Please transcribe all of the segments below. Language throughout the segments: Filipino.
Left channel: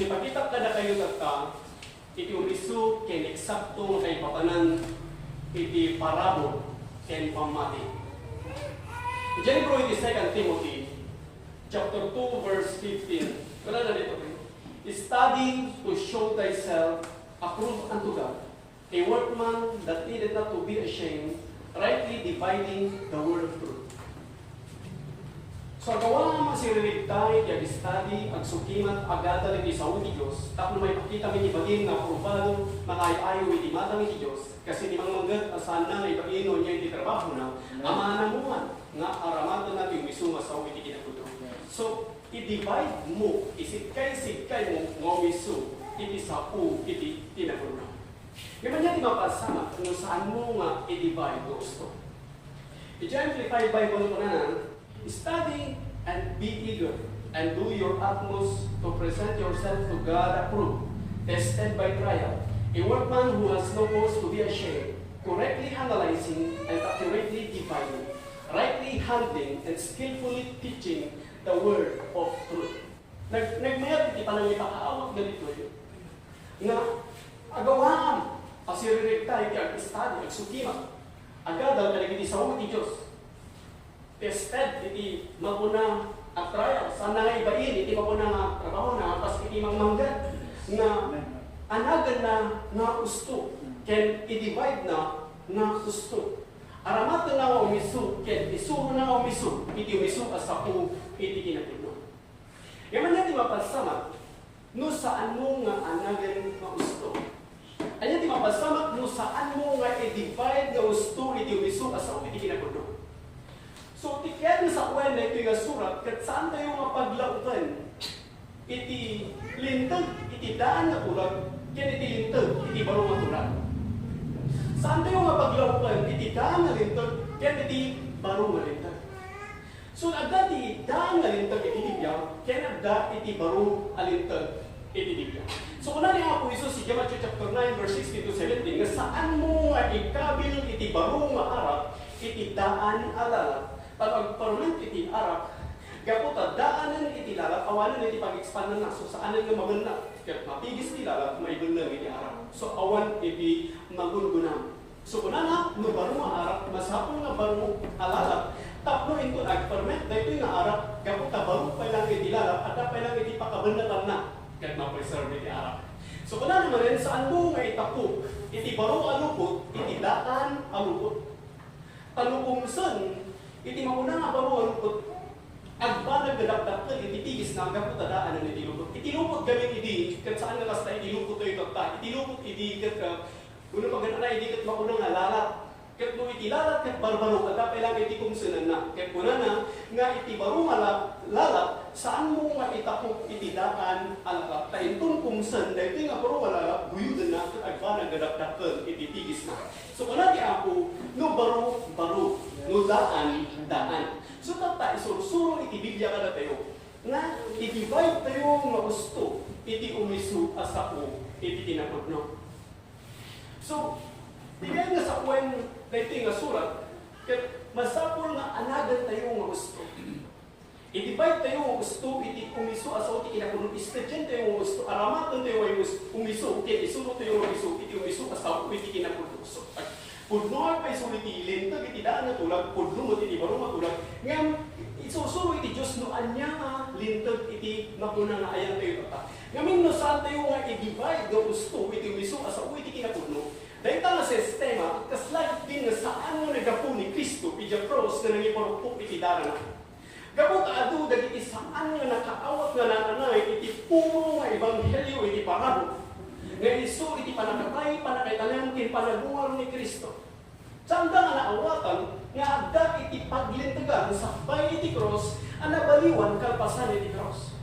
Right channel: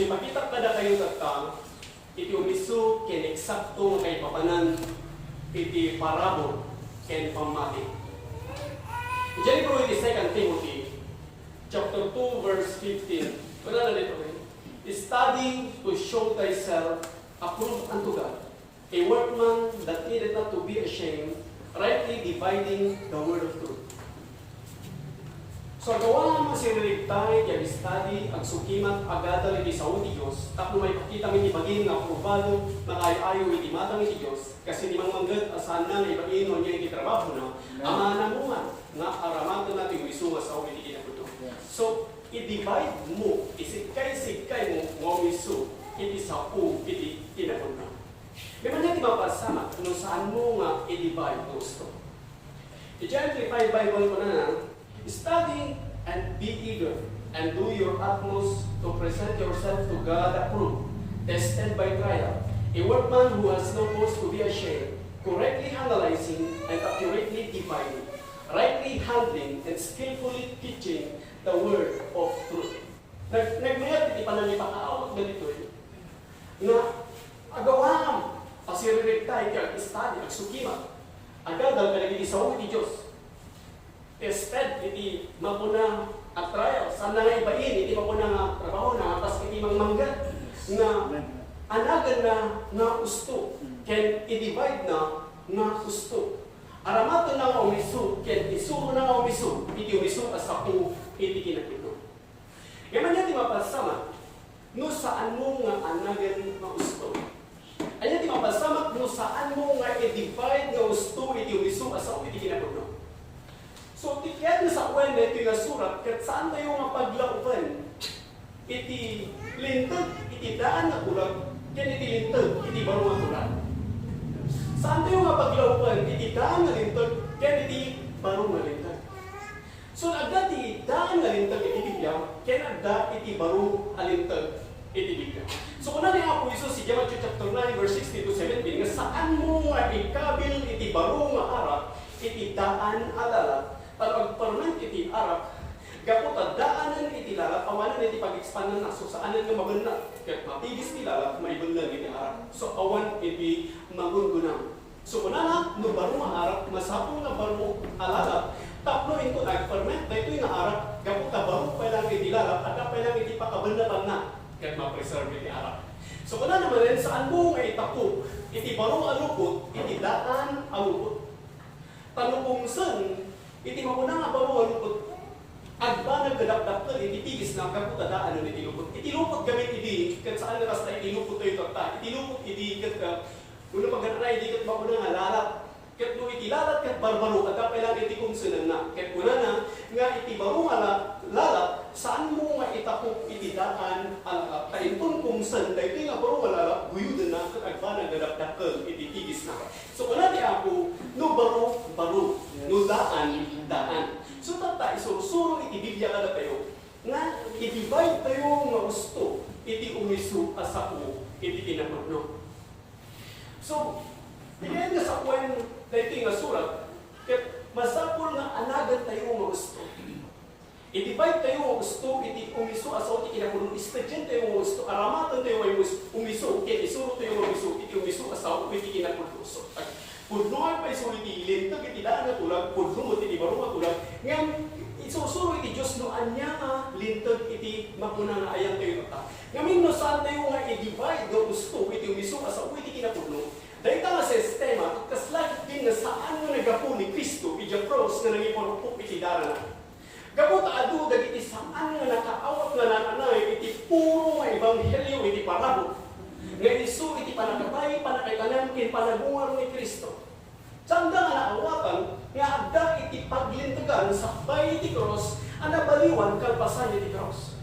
So ipakita kada kayo iti umisu ken eksakto kay papanan iti parabol ken pamati. Diyan po iti 2 Timothy chapter 2 verse 15. Wala na dito. Study to show thyself approved unto God, a workman that needed not to be ashamed, rightly dividing the word of truth. So gawa naman si ririgtay, kaya study, ang sukimat, agadal iti sa uti Diyos, tapno may pakita mi ibagin nga aprobado, malayo-ayo iti matang iti Diyos, kasi ni manggad asan na ibagin no niya iti trabaho na, ama na mo man, nga aramatan natin misunga sa uti kinakuto. So, i-divide mo, isikay-sikay mo, ngomiso, iti sa u, iti tinakuto. Ngayon niya di mapasama, kung saan mo nga i-divide mo gusto. I-John 3:5 Bible ko na study and be eager, and do your utmost to present yourself to God approved, tested by trial, a workman who has no cause to be ashamed, correctly analyzing and accurately dividing, rightly handling and skillfully teaching the word of truth. Nagmayat iti panangay pakaawag na dito nga agawam asiriregtay kag study ag sukima agadal kalagi sa uti Dios. Tested, iti mapuna at trial. Saan na nga ibain, iti mapuna nga trabaho na, pas iti mangmanggan, nga anagan na nga usto, ken i-divide na nga usto. Aramatan na nga umiso, ken isuro na nga umiso, iti umiso asapo, iti kinapino. Yaman niya di mapasama, no saan mo nga anagan nga usto. Anya di mapasama, no saan mo nga i-divide nga usto, iti umiso asapo, iti kinapino. So, tikyan na sa uwan na ito yung surat, kat saan tayo mapaglaupan? Iti lintag, iti daan na tulag, yan iti lintag, iti baro na tulag. Saan tayo mapaglaupan? Iti daan na lintag, yan iti baro na lintag. So, agda iti daan na lintag, iti bigyan, yan agda iti baro na lintag, iti bigyan. So, kung natin ang Apo Isus, si Matthew chapter 9, verse 16-17, nga saan mo nga ikabil iti baro nga harap, iti daan alala, pag-permanent iti arak, kapot daanan iti lalak, awanan iti pag-expandan na, so saanan nga maganda, kaya mapigis iti lalak, may bunlang iti arak. So awan iti magungunang. So kuna na, no baro nga arak, masapong nga baro alala, tapno ito nag-permanent, na ito yung arak, kapot baro pa lang iti lalak, at pa lang iti pakabandatan na, kaya ma-preserve iti arak. So kuna naman rin, saan mo nga itakop, iti baro alupot, iti daan alupot. Tanupumsan, iti mapuna nga baro alupot, agba nagdadakdak iti tigis na kapot daan ng iti lupot. Iti lupot gamit iti, kat saan nga basta iti lupot tayo takta. Iti lupot iti kat ka, kung pag na iti kat mapuna nga lalat. Kat no iti lalat kat barbaro, at lang iti kumsunan na. Kat kuna na, nga iti baro nga lalat, saan mo nga itakop iti daan alala. Tayintong kumsun, dahil ito nga baro nga lalat, guyudan na, kat agba nagdadakdak iti tigis na. So kuna ti ako, no baro, no daan. So tatay, sursuro iti Biblia kada tayo, nga i-divide tayo nga gusto, iti umisu asapo, iti kinapudno. So, tingnan nga sa uwan na ito nga surat, masapol nga anagan tayo nga gusto. I-divide tayo nga gusto, iti umisu asapo, iti kinapudno, istadyan tayo nga gusto, aramatan tayo nga umisu, iti isuro tayo nga umisu, iti umisu asapo, iti kinapudno. So, pudno ay pa isulit ilintag, iti daan na tulag, pudno mo iti baro nga tulag. Ngayon, isusuro iti Diyos no anya nga lintag iti mapuna nga ayang tayo tata. Ngayon, no saan tayo nga i-divide nga gusto, iti umiso asa o iti kinapudno. Dahil nga sistema, kaslagit din na saan nga nagapu ni Kristo, iti cross na nangiparupok iti dara na. Gabot adu, dagiti saan nga nakaawat nga nananay, iti puro nga ebanghelyo, iti parabot. Ngayon iso, iti panagkabay, panakaitanam, kin panagungar ni Kristo. Sanda nga naawatan, nga agda iti paglintagan sa bay iti cross, ang nabaliwan kalpasan iti cross.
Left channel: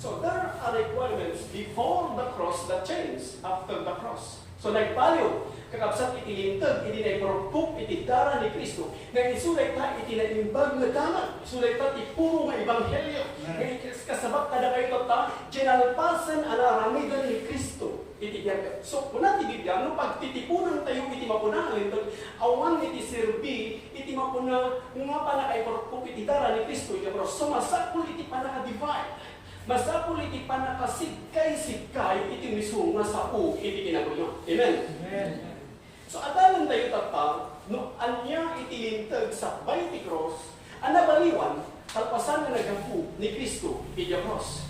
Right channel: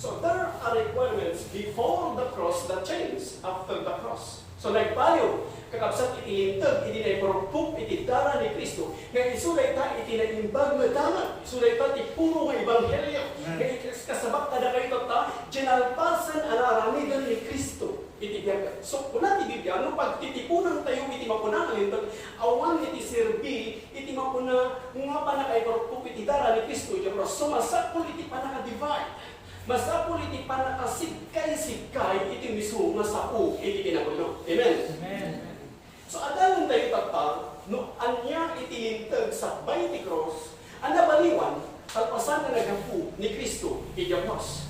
So there are requirements before the cross that change after the cross. So nagpaliw, kakabsat iti lintag, iti naiparupok, iti dara ni Kristo. Ngayon isulay ta, iti naimbag nga daman. Isulay ta, iti puro nga ebanghelyo. Ngayon kasabak kada kayo ta, ginalpasan ang aramigan ni Kristo. Iti biyaga. So, kuna ti Biblia, no pagtitipunan tayo iti mapuna ng lintag, awan iti serbi, iti mapuna nga panakaiparupok, iti dara ni Kristo. So, masakul iti panaka-divide. Masapul iti panakasikay-sikay iti misunga sa u iti pinaguno. Amen? Amen. So adalan tayo tata, no anya iti lintag sa ti cross, anabaliwan, kalpasan nga nagapu ni Kristo iti cross.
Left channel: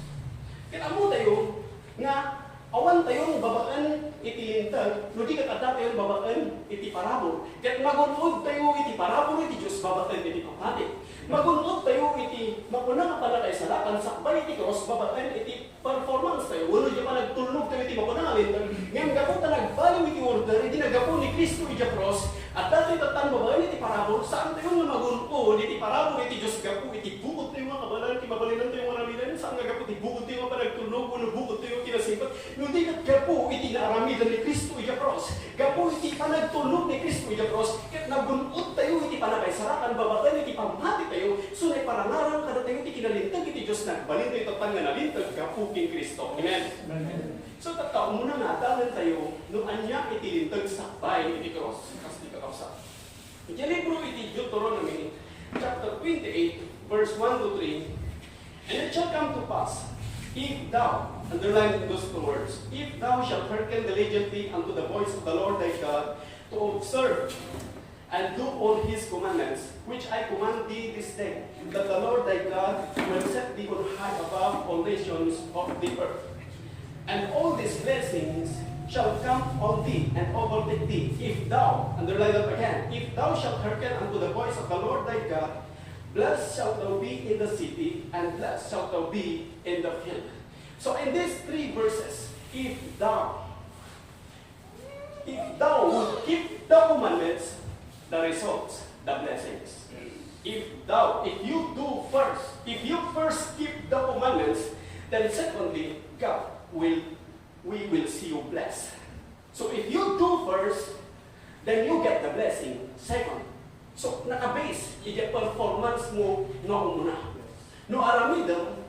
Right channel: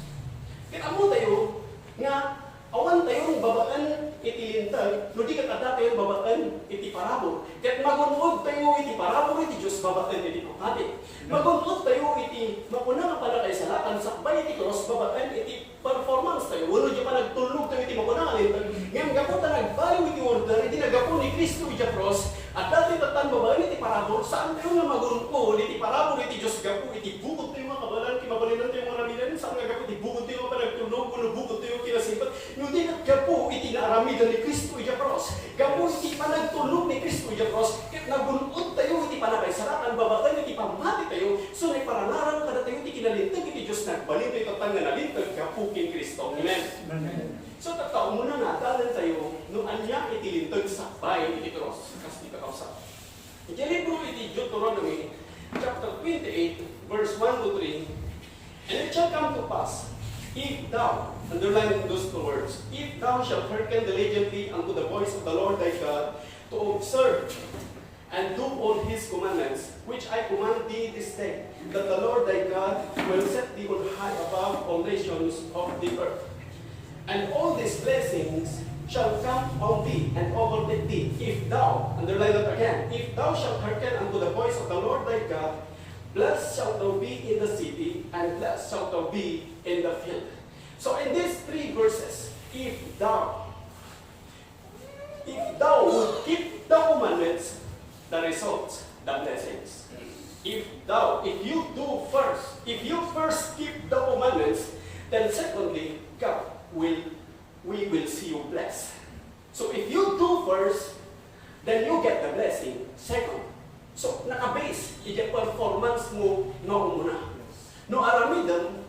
Kaya mo tayo, nga awan tayong babaan iti lintag, no di kakada tayong babaan iti parabol. Kaya magunod tayo iti parabol iti Diyos babaan iti pangkati. Magunod tayo iti makunang panakaisalakan sa iti cross babaan iti performance tayo. Wala di pa nagtulog tayo iti makunang lintag. Ngayon gapo ta nagbaliw iti order, iti nagapo ni Kristo iti cross. At dati tatan babaan iti parabol, saan tayo nga magunod iti parabol iti Diyos gapo iti bukod tayo nga kabalan, iti mabalinan tayo nga ramidan, saan nga gapo iti bukod tayo pa nagtulog, kuno bukod tayo kinasipat. Hindi gapo iti naaramidan ni Kristo iti cross. Gapo iti panagtulog ni Kristo iti cross. Ket nagunod tayo iti panakaisarakan babaan iti pamati tayo. So naiparangaran kada tayo iti kinalintag iti Diyos nagbalin tayo tatan nga nalintag gapo king Kristo. Amen. Amen. So tataon muna nga dalan tayo no anya iti lintag sa bahay iti cross. Kasi di kakapsa. Iti libro iti Deuteronomy chapter 28 verse 1 to 3. And it shall come to pass, if thou, underline those two words, if thou shalt hearken diligently unto the voice of the Lord thy God, to observe and do all his commandments, which I command thee this day, that the Lord thy God will set thee on high above all nations of the earth. And all these blessings shall come on thee and overtake thee, if thou, underline that again, if thou shalt hearken unto the voice of the Lord thy God, blessed shalt thou be in the city, and blessed shalt thou be in the field. So in these three verses, if thou would keep the commandments, the results, the blessings. If you first keep the commandments, then secondly, we will see you blessed. So if you do first, then you get the blessing. Second, so naka-base, i-performance mo noong muna. No aramidam,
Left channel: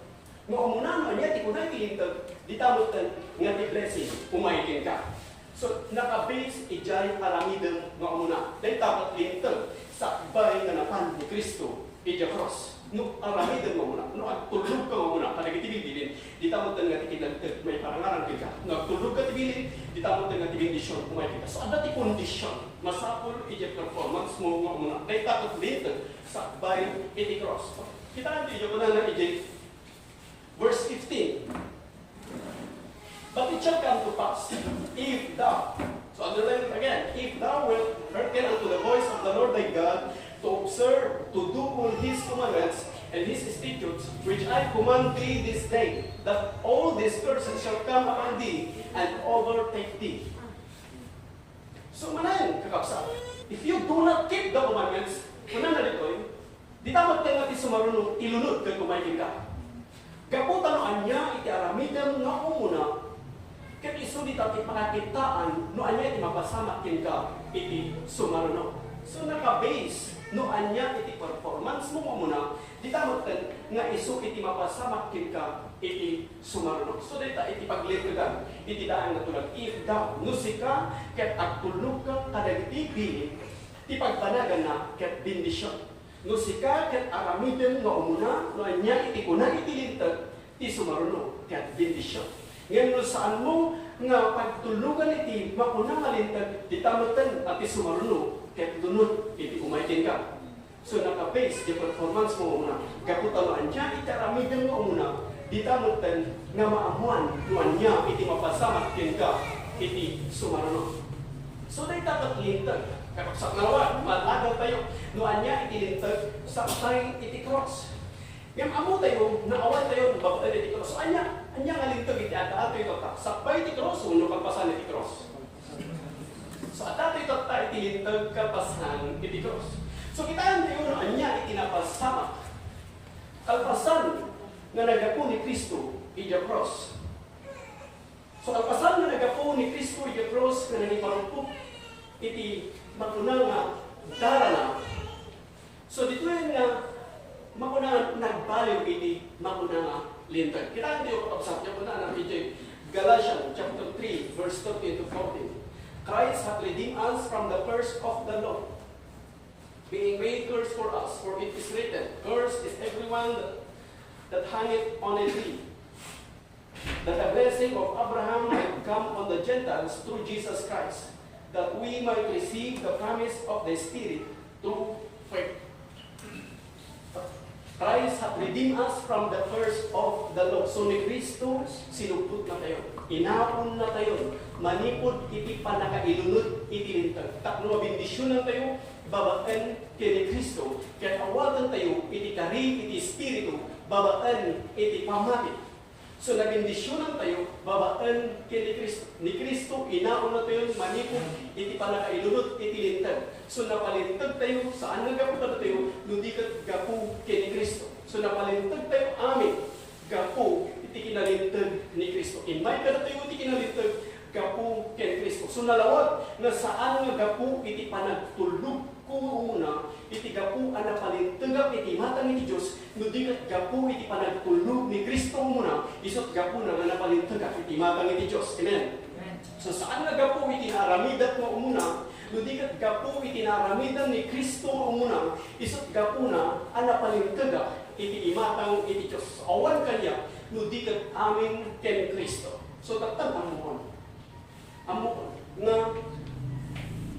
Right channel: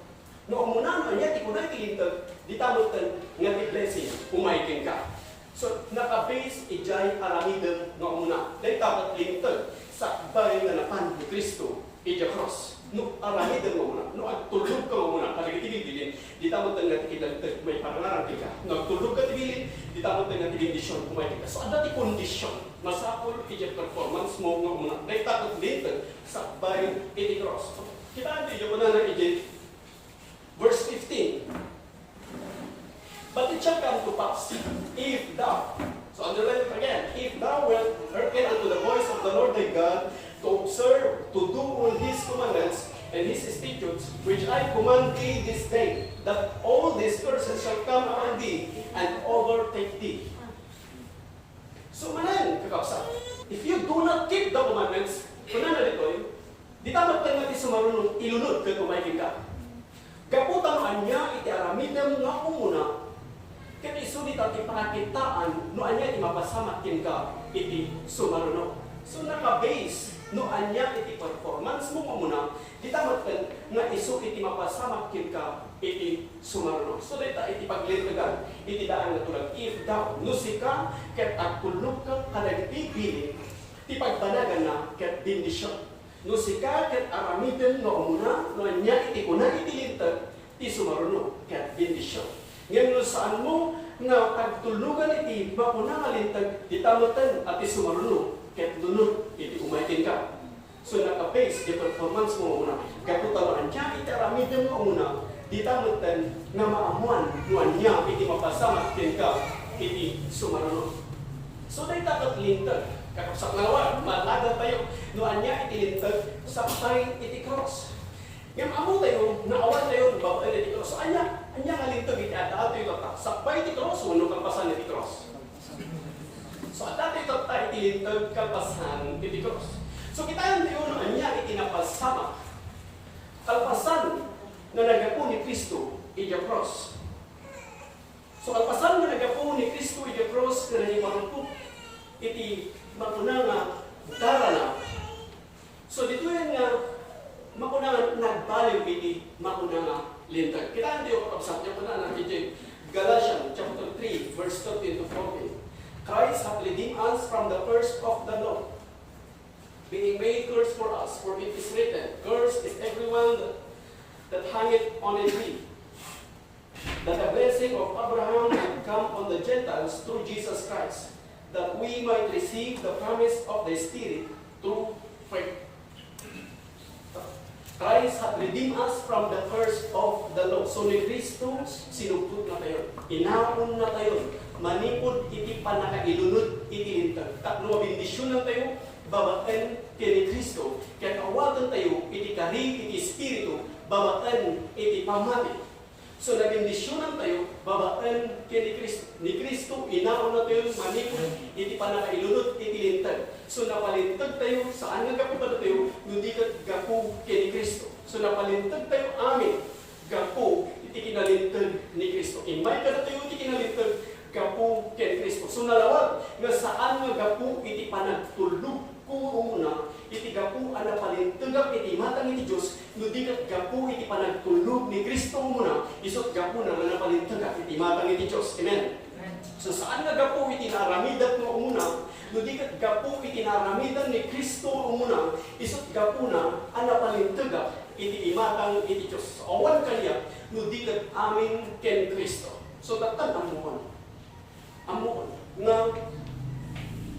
noong muna no, niya, di ko na itilintag, di tamutan, nga di blessing, umaikin ka. So naka-base, ijay aramidam noong muna. Dahil dapat lintag, sa bahay nga napan ni Kristo, ija cross. No aramidam mo muna, no agtulog ka mo muna, panagitibilin, di tamutan nga tikilagtag, may parangaran ka. No agtulog ka tibilin, di tamutan nga tibindisyon, umaikin ka. So ada ti kondisyon, masapul iti performance mo nga muna. Dahil takot dito sa bayan iti cross. Kita ito ko na iti verse 15. But it shall come to pass, if thou, so underline it again, if thou wilt hearken unto the voice of the Lord thy God, to observe, to do all his commandments and his statutes, which I command thee this day, that all these curses shall come upon thee and overtake thee. So manayan, kakapsa, if you do not keep the commandments, kunan na dito, di tamat tayo natin sumarunong ilunod kaya kumaikin ka. Gaputan anya, iti aramidam nga umuna, kaya iso di tayo panakitaan, no anya iti mapasamakin ka, iti sumarunong. So naka-base, no anya iti performance mo umuna, di tamat tayo nga iso iti mapasamakin ka, iti sumarunong. So dito iti paglitagan, iti daan na tulag, if thou, nusika, ket agtulog ka, kadagiti bilin, ti pagtanagan na, ket bindisyon. Nusika, ket aramidem, no umuna, no anya iti kuna, iti lintag, ti sumarunong, ket bindisyon. Ngayon, no saan mo, nga pagtulugan iti, makuna nga lintag, di tamatan, at ti sumarunong, ket lunod, iti umaitin ka. So naka-base, di performance mo umuna, kaputan anya, iti aramidem, no umuna, di tamatan, nga maamuan, no anya, iti mapasamakin ka, iti sumarunong. So dahil tapat lintag, kakapsak nawan, malaga tayo, no anya iti lintag, saktay iti cross. Yung amo tayo, naawan tayo, babaan iti cross. So anya nga lintag iti ata tayo tatak, sakbay iti cross, uno kampasan iti cross. So ata tayo tatak iti lintag, kampasan iti cross. So kita tayo, no anya iti napasamak, kalpasan na nagapo ni Kristo, iti cross. So kalpasan na nagapo ni Kristo, iti cross, na naniparupot, iti makuna nga darana. So dito yan nga makuna nga nagbaliw iti makuna nga lintag. Kita hindi ko kapsat yung kuna na iti Galatians chapter 3 verse 13 to 14. Christ hath redeemed us from the curse of the law, being made curse for us, for it is written, cursed is everyone that hangeth on a tree, that the blessing of Abraham would come on the Gentiles through Jesus Christ, that we might receive the promise of the Spirit through faith. Christ had redeemed us from the curse of the law. So ni Kristo, sinugtod na tayo. Inaon na tayo. Manipod, iti panakailunod, iti lintag. Takno mabindisyon na tayo, babaen kay ni Kristo. Kaya awatan tayo, iti kari, iti espiritu, babaen, iti pamati. So nabindisyonan tayo, babaan kay ni Kristo. Ni Kristo, inaon na tayo, manipod, iti panakailunod, iti lintag. So napalintag tayo, saan nga gapu ka tayo, hindi ka gapu kay ni Kristo. So napalintag tayo, amin, gapu, iti kinalintag ni Kristo. Imay ka na tayo, iti kinalintag, gapu kay ni Kristo. So nalawag, na saan nga gapu, iti panagtulog kung umuna, iti gapu ana palintagak iti matang iti Diyos, no di kat gapu iti panagtulog ni Kristo muna, isot gapu na nga napalintagak iti matang iti Diyos. Amen? So saan nga gapu iti naramidat mo umuna, no di kat gapu iti naramidan ni Kristo umuna, isot gapu na ana palintagak iti imatang iti Diyos. Awan kanya, no di kat amin ken Kristo. So tatag amuhon. Amuhon. Nga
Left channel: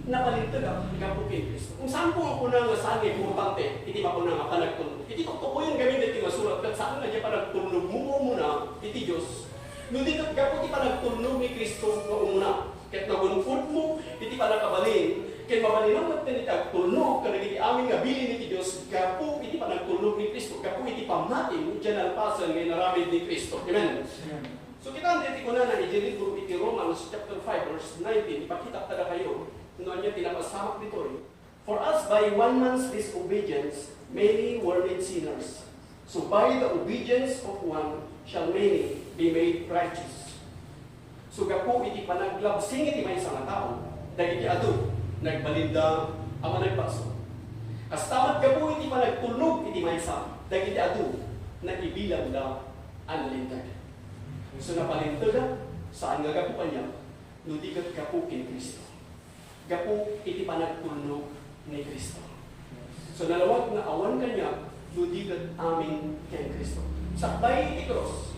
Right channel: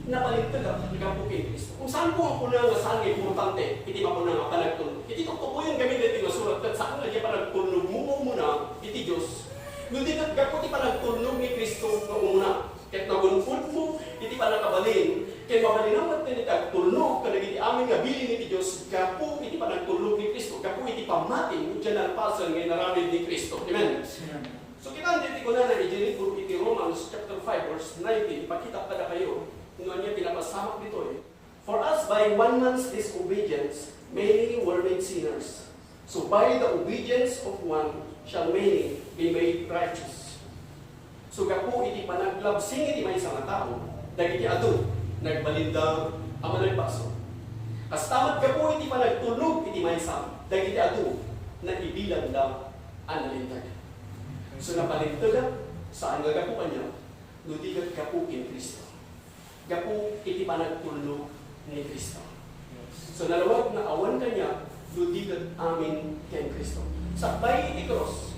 napalintag ang gapu kay Kristo. Kung saan po ako na nga saan ay pumapante, iti pa po na nga panagtulog. Iti tokto po yung gamit dito nga sulat, kat saan nga dyan panagtulog mo muna, iti Diyos. Nung di kat gapu ti panagtulog ni Kristo nga umuna. Kat nagunfod mo, iti panakabalin. Kaya mabalinamat na iti tulog, kada iti amin nga bilin iti Diyos, gapu iti panagtulog ni Kristo. Gapu iti pamating, dyan alpasan ngay naramid ni Kristo. Amen? So kita hindi ko na libro iti Romans chapter 5 verse 19, ipakita tada kayo. Noon niya tinapasamak dito eh. For us, by one man's disobedience, many were made sinners. So by the obedience of one, shall many be made righteous. So gapu iti panaglabsing iti may isang tao, dagiti adu, nagbalinda ang managpaso. Kastamat gapu iti panagtulog iti may isang, dagiti adu, nagibilang da ang lintag. So napalintag, saan nga gapu kanya? Nudigat gapu in Kristo. Gapu iti panagtulog ni Kristo. So nalawag na awan kanya, nudigat amin kay Kristo. Sakbay iti cross,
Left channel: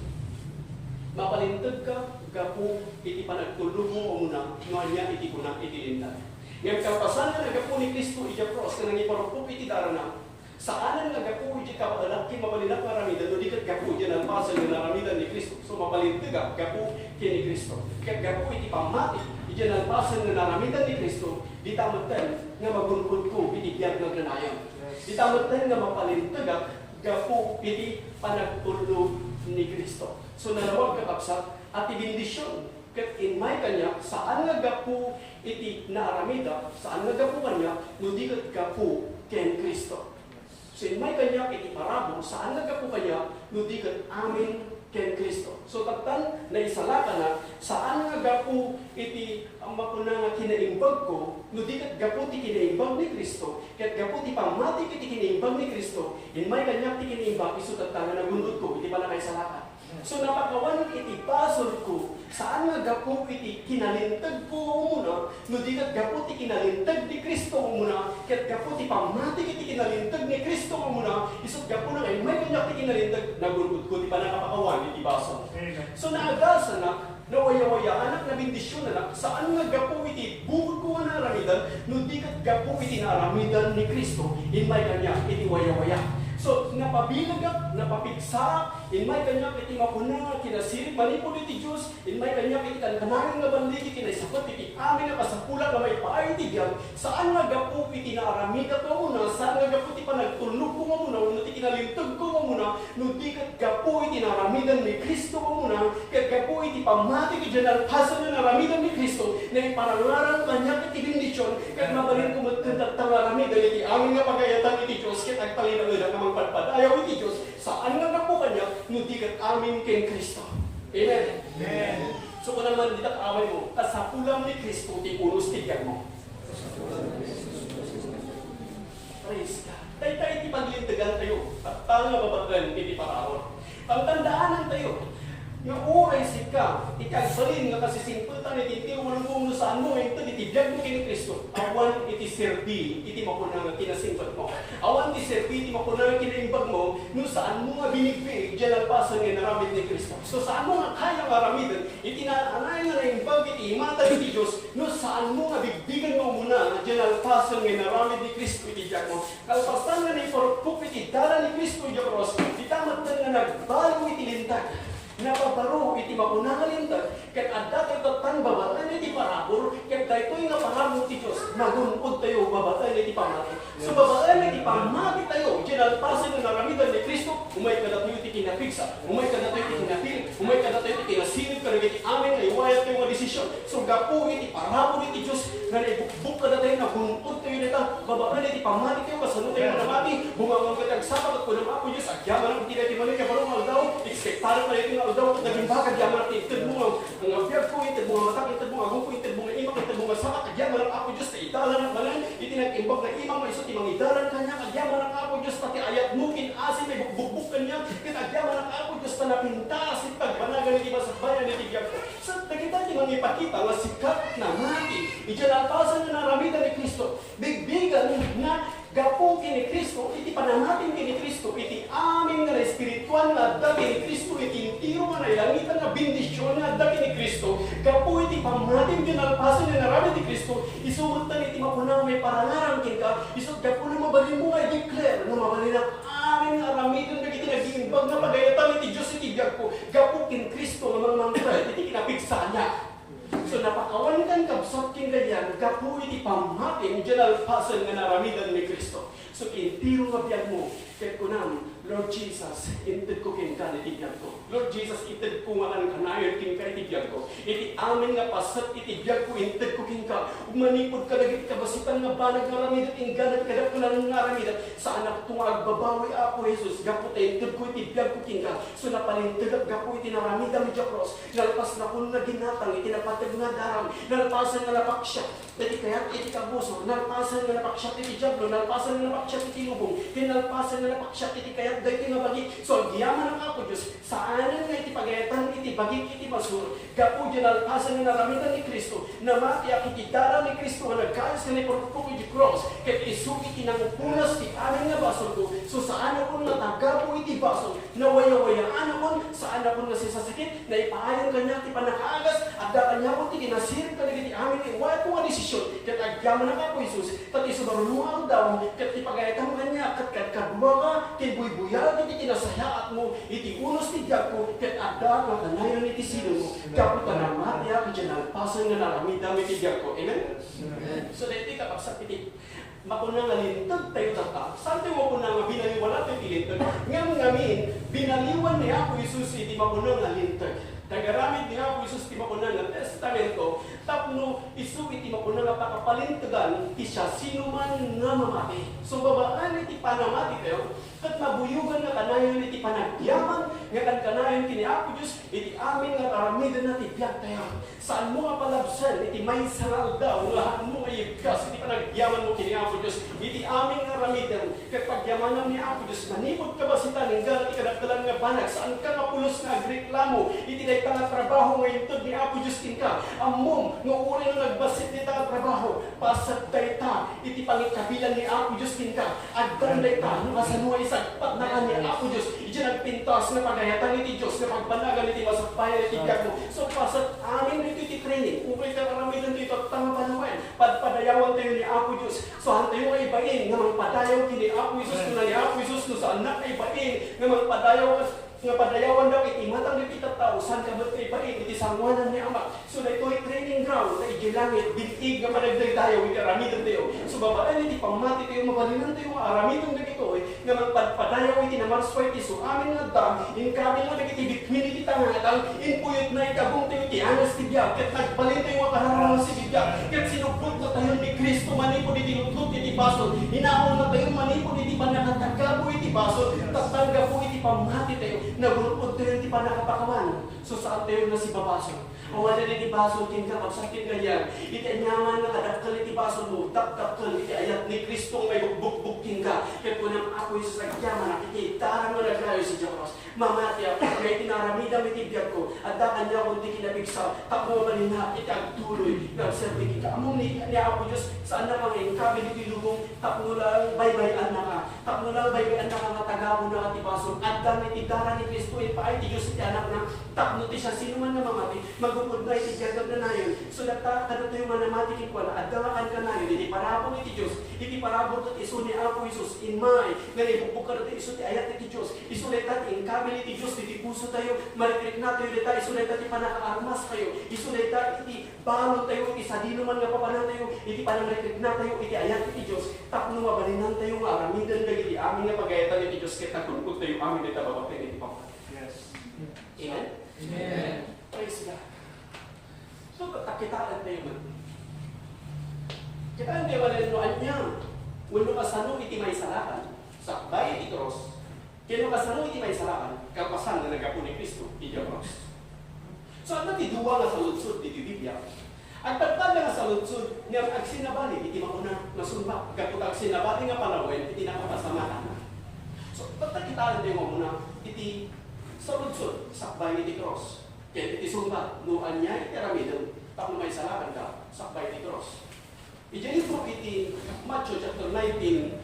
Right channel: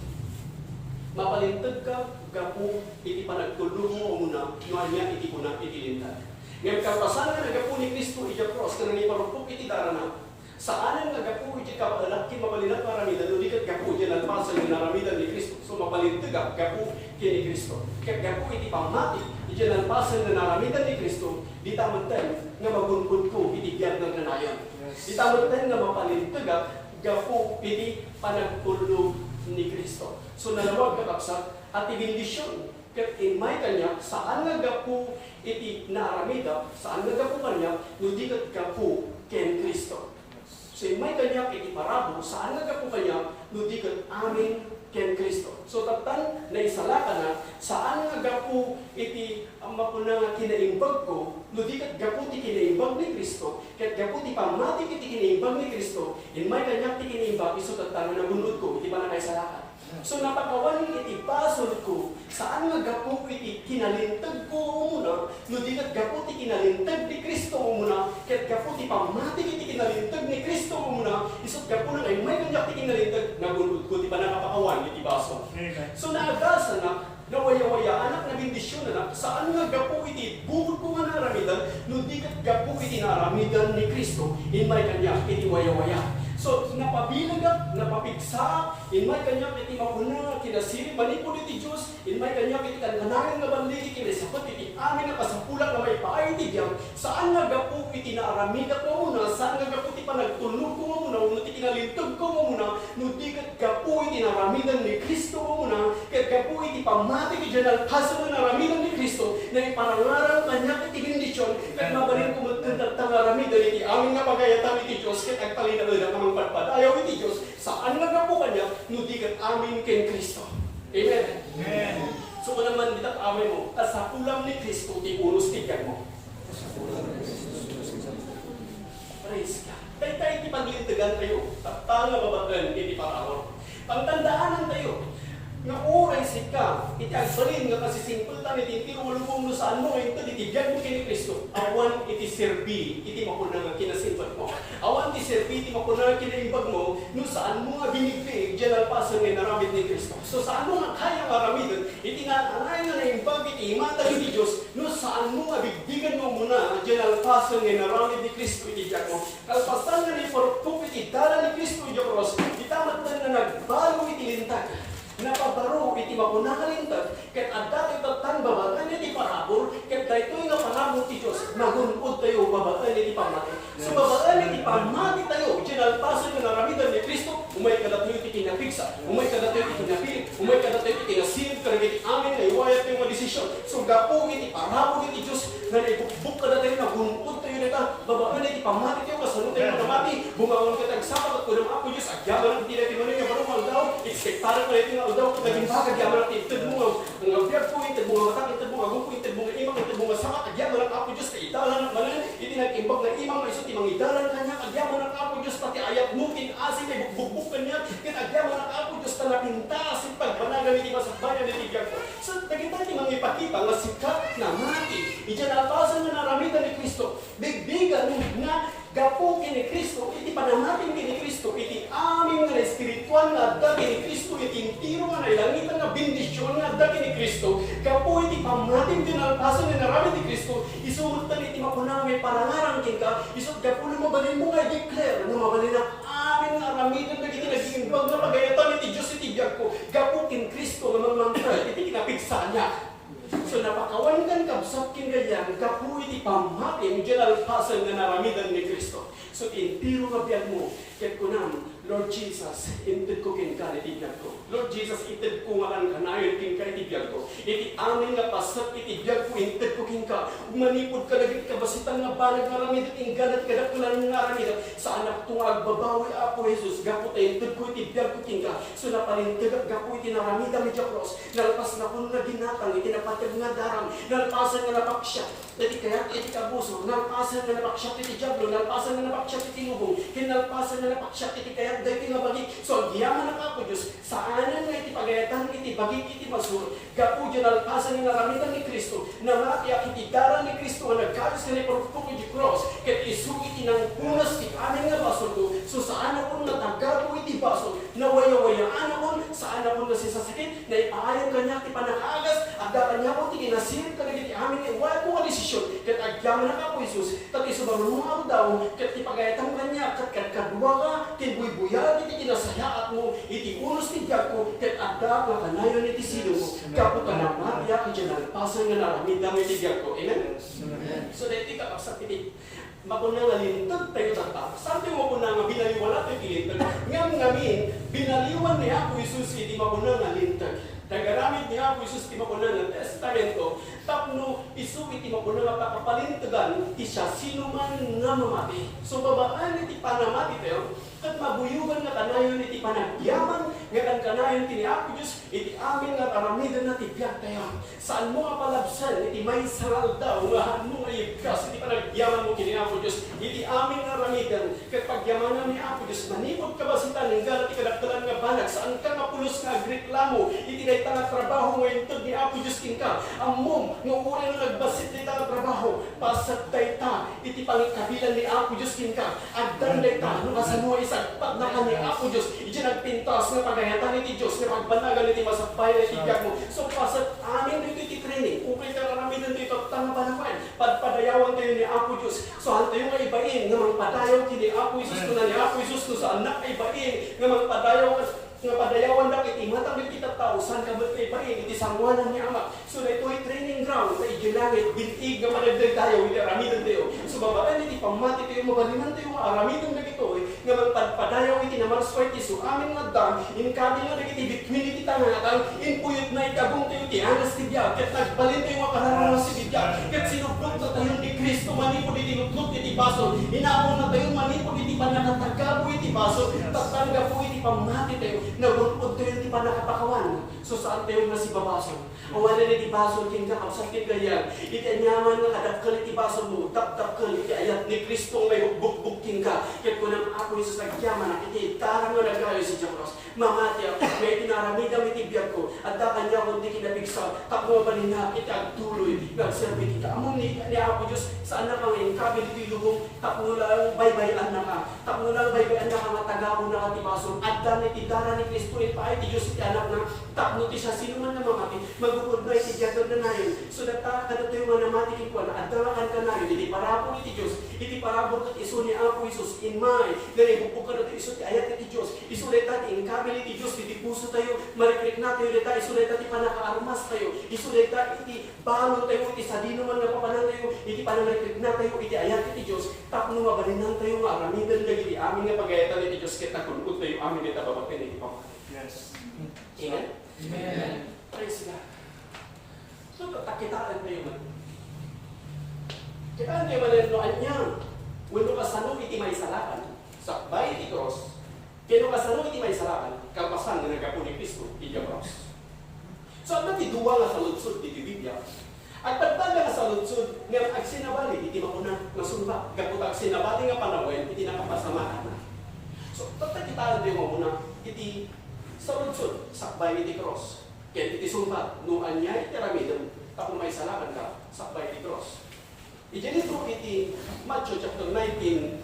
mapalintag ka, gapu iti panagtulog mo muna, nuanya iti kuna iti lintag. Ngayon kapasan na gapu ni Kristo iti cross, na nangiparupok iti darana. Saanan nga gapu iti kapalaki mapalinak maramidan, nudigat gapu iti nalpasan yung naramidan ni Kristo. So mapalintag gapu kini Kristo. Kaya gapu iti pamati, iti nalpasan na naramidan ni Kristo, di tamantan nga magunkod ko iti biyag ng kanayon. Di tamantan nga mapalintag gapu iti panagtulog ni Kristo. So nalawag kakapsat at ibindisyon. Kat inmay kanya, saan nga gapu iti naaramida, saan nga gapu kanya, nudigat gapu ken Kristo. So inmay kanya iti parabo, saan nga gapu kanya, nudigat amin ken Kristo. So tagtan na isalaka na, saan nga gapu iti makuna nga kinaimbag ko, nudigat gapu ti kinaimbag ni Kristo, ket gapu ti pamati iti kinaimbag ni Kristo, inmay kanya ti kinaimbag, iso tagtan nga nagunod ko, iti pala na isalaka. So napakawan iti pasol ko, saan nga gapu iti kinalintag ko muna, nudigat gapu ti kinalintag ni Kristo muna, ket gapu ti pamati iti kinalintag ni Kristo muna, isot gapu na ay may kanyak ti kinalintag, nagunod ko, ti pa nakapakawan iti pasol. So naagasan na, nawaya-waya, anak na bindisyon na, saan nga gapu iti bukod ko nga naramidan, nudigat gapu iti naramidan ni Kristo, inmay kanyak iti waya-waya. So, napabilagak, napapigsa, inmay kanyak iti makuna, kinasirit, manipod iti Diyos, inmay kanyak iti kankanangin nga banditi, kinasapot iti amin na kasapulak na may paay iti diyang, saan nga gapu iti naaramida ko muna, saan nga gapu iti panagtulog ko muna, nuti kinalintag ko muna, nuti kat gapu iti naramidan ni Kristo ko muna, kat gapu iti pamati iti dyan alpasan na naramidan ni Kristo, na iparangaran kanyak iti bindisyon, kat mabalin ko matagtang naramidan iti amin na pagayatan iti Diyos, kat agtalinaludan ka pagpad. Ayaw iti Diyos, saan nga na po kanya, nudigat amin kay Kristo. Amen? Amen. So kung naman ditak amay mo, at sa pulang ni Kristo, tipunos tigan mo. Praise God. Tayo iti paglintagan tayo, at tanga babaglan iti parawan. Pagtandaanan tayo, nga oray sit ka, iti agbalin nga kasi simpultan iti tirulong no saan mo, ito itibiyag mo kini Kristo. Awan iti serbi, iti makunang nga kinasimpad mo. Awan iti serbi, iti makunang kinaimbag mo, no saan mo nga binigay, dyan alpasan nga naramid ni Kristo. So saan mo nga kaya nga ramidin, iti naanay nga naimbag, iti imata ni Diyos, no saan mo nga bigbigan mo muna, dyan alpasan nga naramid ni Kristo, iti biyag mo. Kalpasan nga naiporpuk, iti dala ni Kristo, iti cross, itamat na nagbalo iti lintag. Napabaro iti makunangalintag, ket adda ito tan babaan iti parabor, ket daytoy nga pangamot ti Dios, nagunod tayo babaan iti pamati. So babaan iti pamati tayo, ginalpasan nga naramidan ni Kristo, umay kadatoy iti kinapigsa, umay kadatoy iti kinapil, umay kadatoy iti kinasilid, karag iti amin nga iwayat tayo nga desisyon. So gapo iti parabor iti Dios, nga naibukbuk kadatoy, nagunod tayo nita, babaan iti pamati tayo, kasunod tayo manamati, bumangon ka tagsapat at kunang apo Dios, agyaman ang tinati manin, nga barong aldaw, ekspektaran pa ito daw naging bagay yaman natin itad mo ang abiyag ko, itad mo ang matang, itad mo ang agong ko, itad mo ang imang, itad mo ang samat, agyaman ang Apo Diyos, kaidalan ang manan, itinag-imbag na imang, maisot, imang idalan kanya, agyaman ang Apo Diyos, pati ayat mo, kinasin, ay bukbuk kanya, agyaman ang Apo Diyos, tanapintas, ipagpanagan, iti masakbayan, iti biyag ko. So, nagita imang ipakita, nga sikat na mati, itinalpasan na naramitan ni Kristo, bigbigan na gapo kini Kristo, iti panamatin kini Kristo, iti aming nga espiritual nga adda kini Kristo, iti tiro nga nailangitan nga bindisyon nga adda kini Kristo, gapo iti pamatin kinalpasan nga naramid ni Kristo, isumutan iti mapunang may parangarang kinka, isot gapo na mabalin mo nga i-declare, nga mabalin na aming nga aramidon na iti nag-iimbag na pagayatan iti Diyos iti gapo, gapo kin Kristo nga mamangkral, iti kinapigsa niya. So napakawan kan kabsat king ganyan, gapu iti pamatin, dyan alpasan nga naramidan ni Kristo. So intiro nga biyag mo, ket kunam, Lord Jesus, inted ko king ka iti biyag ko. Lord Jesus, inted ko nga kan kanayon king ka iti biyag ko. Iti amin nga pasat iti biyag ko, inted ko king ka. Umanipod ka lagi kabasitan nga banag nga ramidat, ingganat kadaktulan nga ramidat. Sa anak itong agbabawi, Apo Jesus, gapu tayo, inted ko iti biyag ko king ka. So napalintagap gapu iti naramidam iti cross. Nalpas na kung na ginatang, iti napatag nga daram, nalpasan nga napaksya. Dati kaya't iti kabuso, nalpasan nga napaksya iti jablo, nalpasan nga napaksya iti lubong, kinalpasan nga napaksya iti kaya't dahil nga bagi. So ang giyaman ng Apo Diyos, saanan nga iti pagayatan iti bagi iti masur, gapu dyan alpasan nga naramitan ni Kristo, na matiyak iti dara ni Kristo nga nagkayos nga nipurpuk iti cross, ket isu iti nang punas iti amin nga basol ko. So saan akong natagapo iti basol, na waya-wayaan akong, saan akong nasisasakit, na ipaayon kanya iti panakaagas, at kanya ko iti kinasirip ka iti amin nga iwala ko nga desisyon, ket agyaman ng Apo Jesus, tat isubarunuaw daw, ket ipagayatan kanya, ket kadua ka, buya iti kinasayaat mo, iti unos ti biyag ko, ket adda nga kanayon iti silo mo, kapot ka na matiyak, iti nalpasan nga naramidam iti biyag ko. Amen? So dahil kakaksak iti makunang nga lintag tayo tata. Sante mo kunang nga binaliwan nato iti lintag. Ngam ngamin, binaliwan ni Apo Jesus iti makunang nga lintag. Tagaramid ni Apo Jesus iti makunang nga testamento, tapno isu iti makunang nga pakapalintagan, isya sino man nga mamati. So babaan iti panamati tayo, kat mabuyugan nga kanayon iti panagyaman, nga kanayon iti ni Apo Diyos, iti amin nga aramidan na ti biyag tayo. Saan mo nga palabsan, iti may sangal daw, nga mo nga ibkas, iti panagyaman mo kini Apo Diyos, iti amin nga aramidan, kat pagyamanan ni Apo Diyos, manipod ka ba si taninggal at ikadaktalan nga banag, saan ka nga pulos nga agreklamo, iti dayta nga trabaho nga intod ni Apo Diyos kinka, amom, nga uri nga nagbasit dita nga trabaho, pasat dayta, iti pangikabilan ni Apo Diyos kinka, agdan dayta, nga sanuwa isagpat na ka ni Apo Diyos, iti nagpintas nga pagayatan iti Diyos, nga pagbanagan iti masakbayan iti biyag mo. So pasat amin iti training, upay ka ramidan dito, tanga pa naman, padpadayawan tayo ni Apo Diyos. So hantayo nga ibain, nga magpadayaw kini Apo Jesus, no na ni Apo Jesus, no sa anak ay ibain, nga magpadayaw nga padayawan daw iti matang iti tao, saan ka ba't ibain, iti sangwanan ni Ama. So na ito'y training ground, na igilangit, bintig nga managday tayo, iti aramidan tayo. So babaan iti pamati tayo, mabalinan tayo, aramidan na ito, nga magpadayaw iti namarsway iti so amin nga dam, in kabi nga iti between iti tangatang, in puyot na itagong tayo iti angas ti biya, ket nagbalin tayo nga kararanas si biya, ket sinuglot na tayo ni Kristo manipod iti lutlot iti basol, inaon na tayo manipod iti panakatagabo iti basol, tatangga po iti pamati tayo, nagulpod tayo iti panakapakawan. So saan tayo na si babasol? Awan na iti basol, kinka kapsakit ganyan, iti anyaman nga kadakkel iti basol mo, dakdakkel iti ayat ni Kristo may bukbuk kinka, ket kunang ako yung sasagyaman, nakikita nga naglayo si Diyos, mamati ako, may tinaramidang iti biyag ko, at da kanya kung di kinabigsa, takbo balin na iti agtuloy, nagserbi kita. Among ni ako Diyos, saan na kang ingkabi dito ilubong, takbo lang baybayan na ka, takbo lang baybayan na ka nga tagamo na katibasong, at da iti dara ni Kristo, ipaay ti Diyos iti anak na, takbo ti siya, sino man na mamati, magupod na iti biyag na nayon, so data kada tayo nga namati kin ko, at dawakan ka nayon, iti parabot iti Diyos, iti parabot at iso ni Apo Isus, in may, ganibukbuk ka natin iso ti ayat iti Diyos, iso leta ti ingkabi iti Diyos, iti puso tayo, marikrik na tayo leta, iso leta ti panakaarmas tayo, iso leta iti balon tayo, iti sadino man nga papanan tayo, iti pananarikrik na tayo, iti ayat iti Diyos, tapno mabalinan tayo nga aramidan dagiti amin nga pagayatan iti Diyos, kita kunod tayo amin kita babakin iti Papa. Yes. Amen? Amen. Praise God. So, takitaan tayo man. Kitaan tayo man ito anyang, wano kasano iti may salakan, sakbay iti cross, kino kasano iti may salakan, kalpasan na nagapo ni Kristo, iti cross. So, ang natiduwa nga sa lutsod, iti Biblia, at pagpada nga sa lutsod, nga agsinabali, iti mauna, nasumba, kapag agsinabali nga panawin, iti nakapasamahan na. So, tatakitaan tayo muna, iti sa lutsod, sakbay iti cross, kaya iti sumba, nuan niya, iti ramidam, tapos may salakan ka, sakbay iti cross. Iyan ito iti Matthew chapter 19,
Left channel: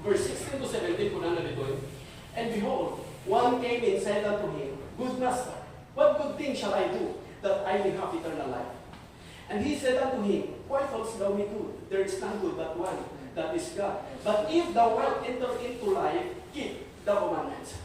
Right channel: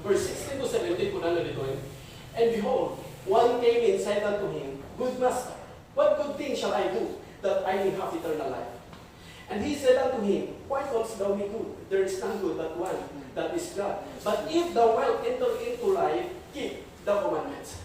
verse 16 to 17, kuna na dito. And behold, one came and said unto him, Good Master, what good thing shall I do, that I may have eternal life? And he said unto him, Why dost thou me good? There is none good but one, that is God. But if thou wilt enter into life, keep the commandments.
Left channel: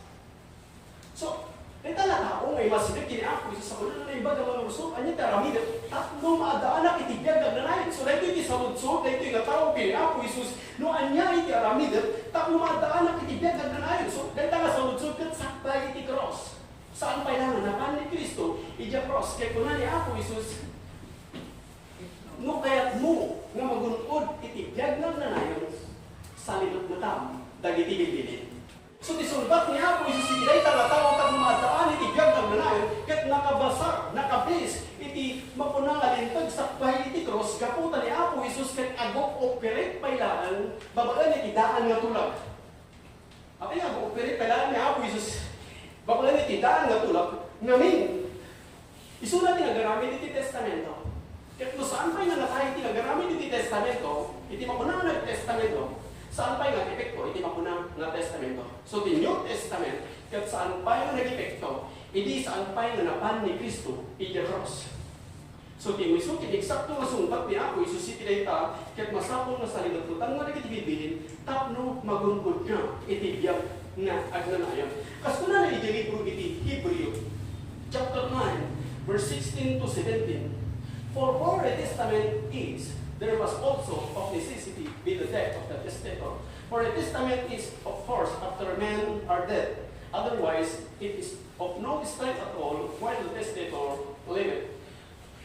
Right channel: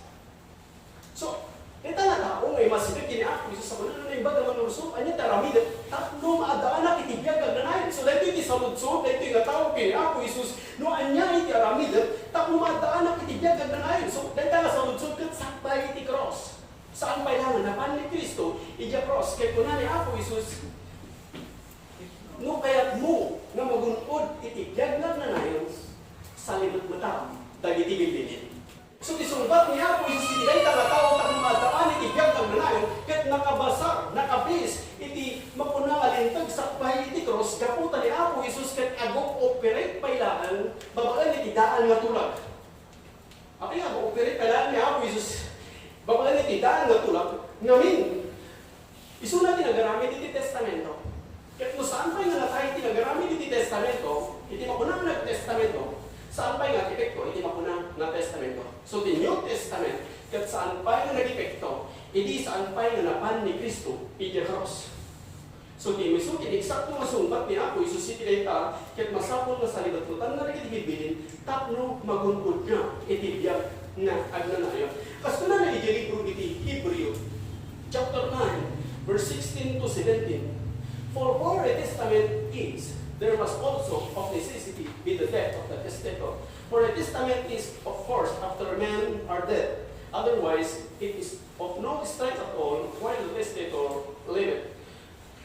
So, ito na tao, may masibig kini ako, isa sa mga na ibaga mga usop, anya taramida, tatlo maadaan na itibiyag na nanayin. So, dito iti sa lutsop, dito yung tao kini ako, Isus, no anya iti aramida, tatlo maadaan na itibiyag na nanayin. So, dito nga sa lutsop, kat sakbay iti cross. Saan pa ilangan? Napan ni Kristo, iti cross. Kaya kuna ni ako, Isus, no kayat mo, nga magunod itibiyag na nanayin, sa linot matam, dagiti gibilin. So, isulbat niya po, Isus, iti nga tao, tapos maadaan, itibiyag ng nanayon, kat nakabasar, nakabis, iti mapunang alintag, sakbay, iti cross, kaputan ni Apo, Isus, kat agok operate pailaan, babagan iti daan nga tulak. Ati nga, operate pailaan ni Apo, Isus, babagan iti daan nga tulak, ngamin, iso na tinagamit iti testamento. Kat no saan pa'y nangatay tinagamit iti testamento, iti mapunang nag-testamento, saan pa'y nga epekto, iti mapunang na testamento. So, the New Testament, kat saan pa'y nga nag-epekto, iti saan pa'y nga napan ni Kristo, iti cross. So, timiso, tineksakto nga sumbat ni Apo, Isus iti dayta, kat masapong nga salibatutan nga nagiti bibilin, tapno magunggod nga, iti biyag na agnanayon. Kasto na iti libro iti Hebrew, chapter 9, verse 16 to 17. For a testament is, there must also of necessity be the death of the testator. For a testament is, of course, after men are dead. Otherwise, it is of no strength at all while the testator liveth.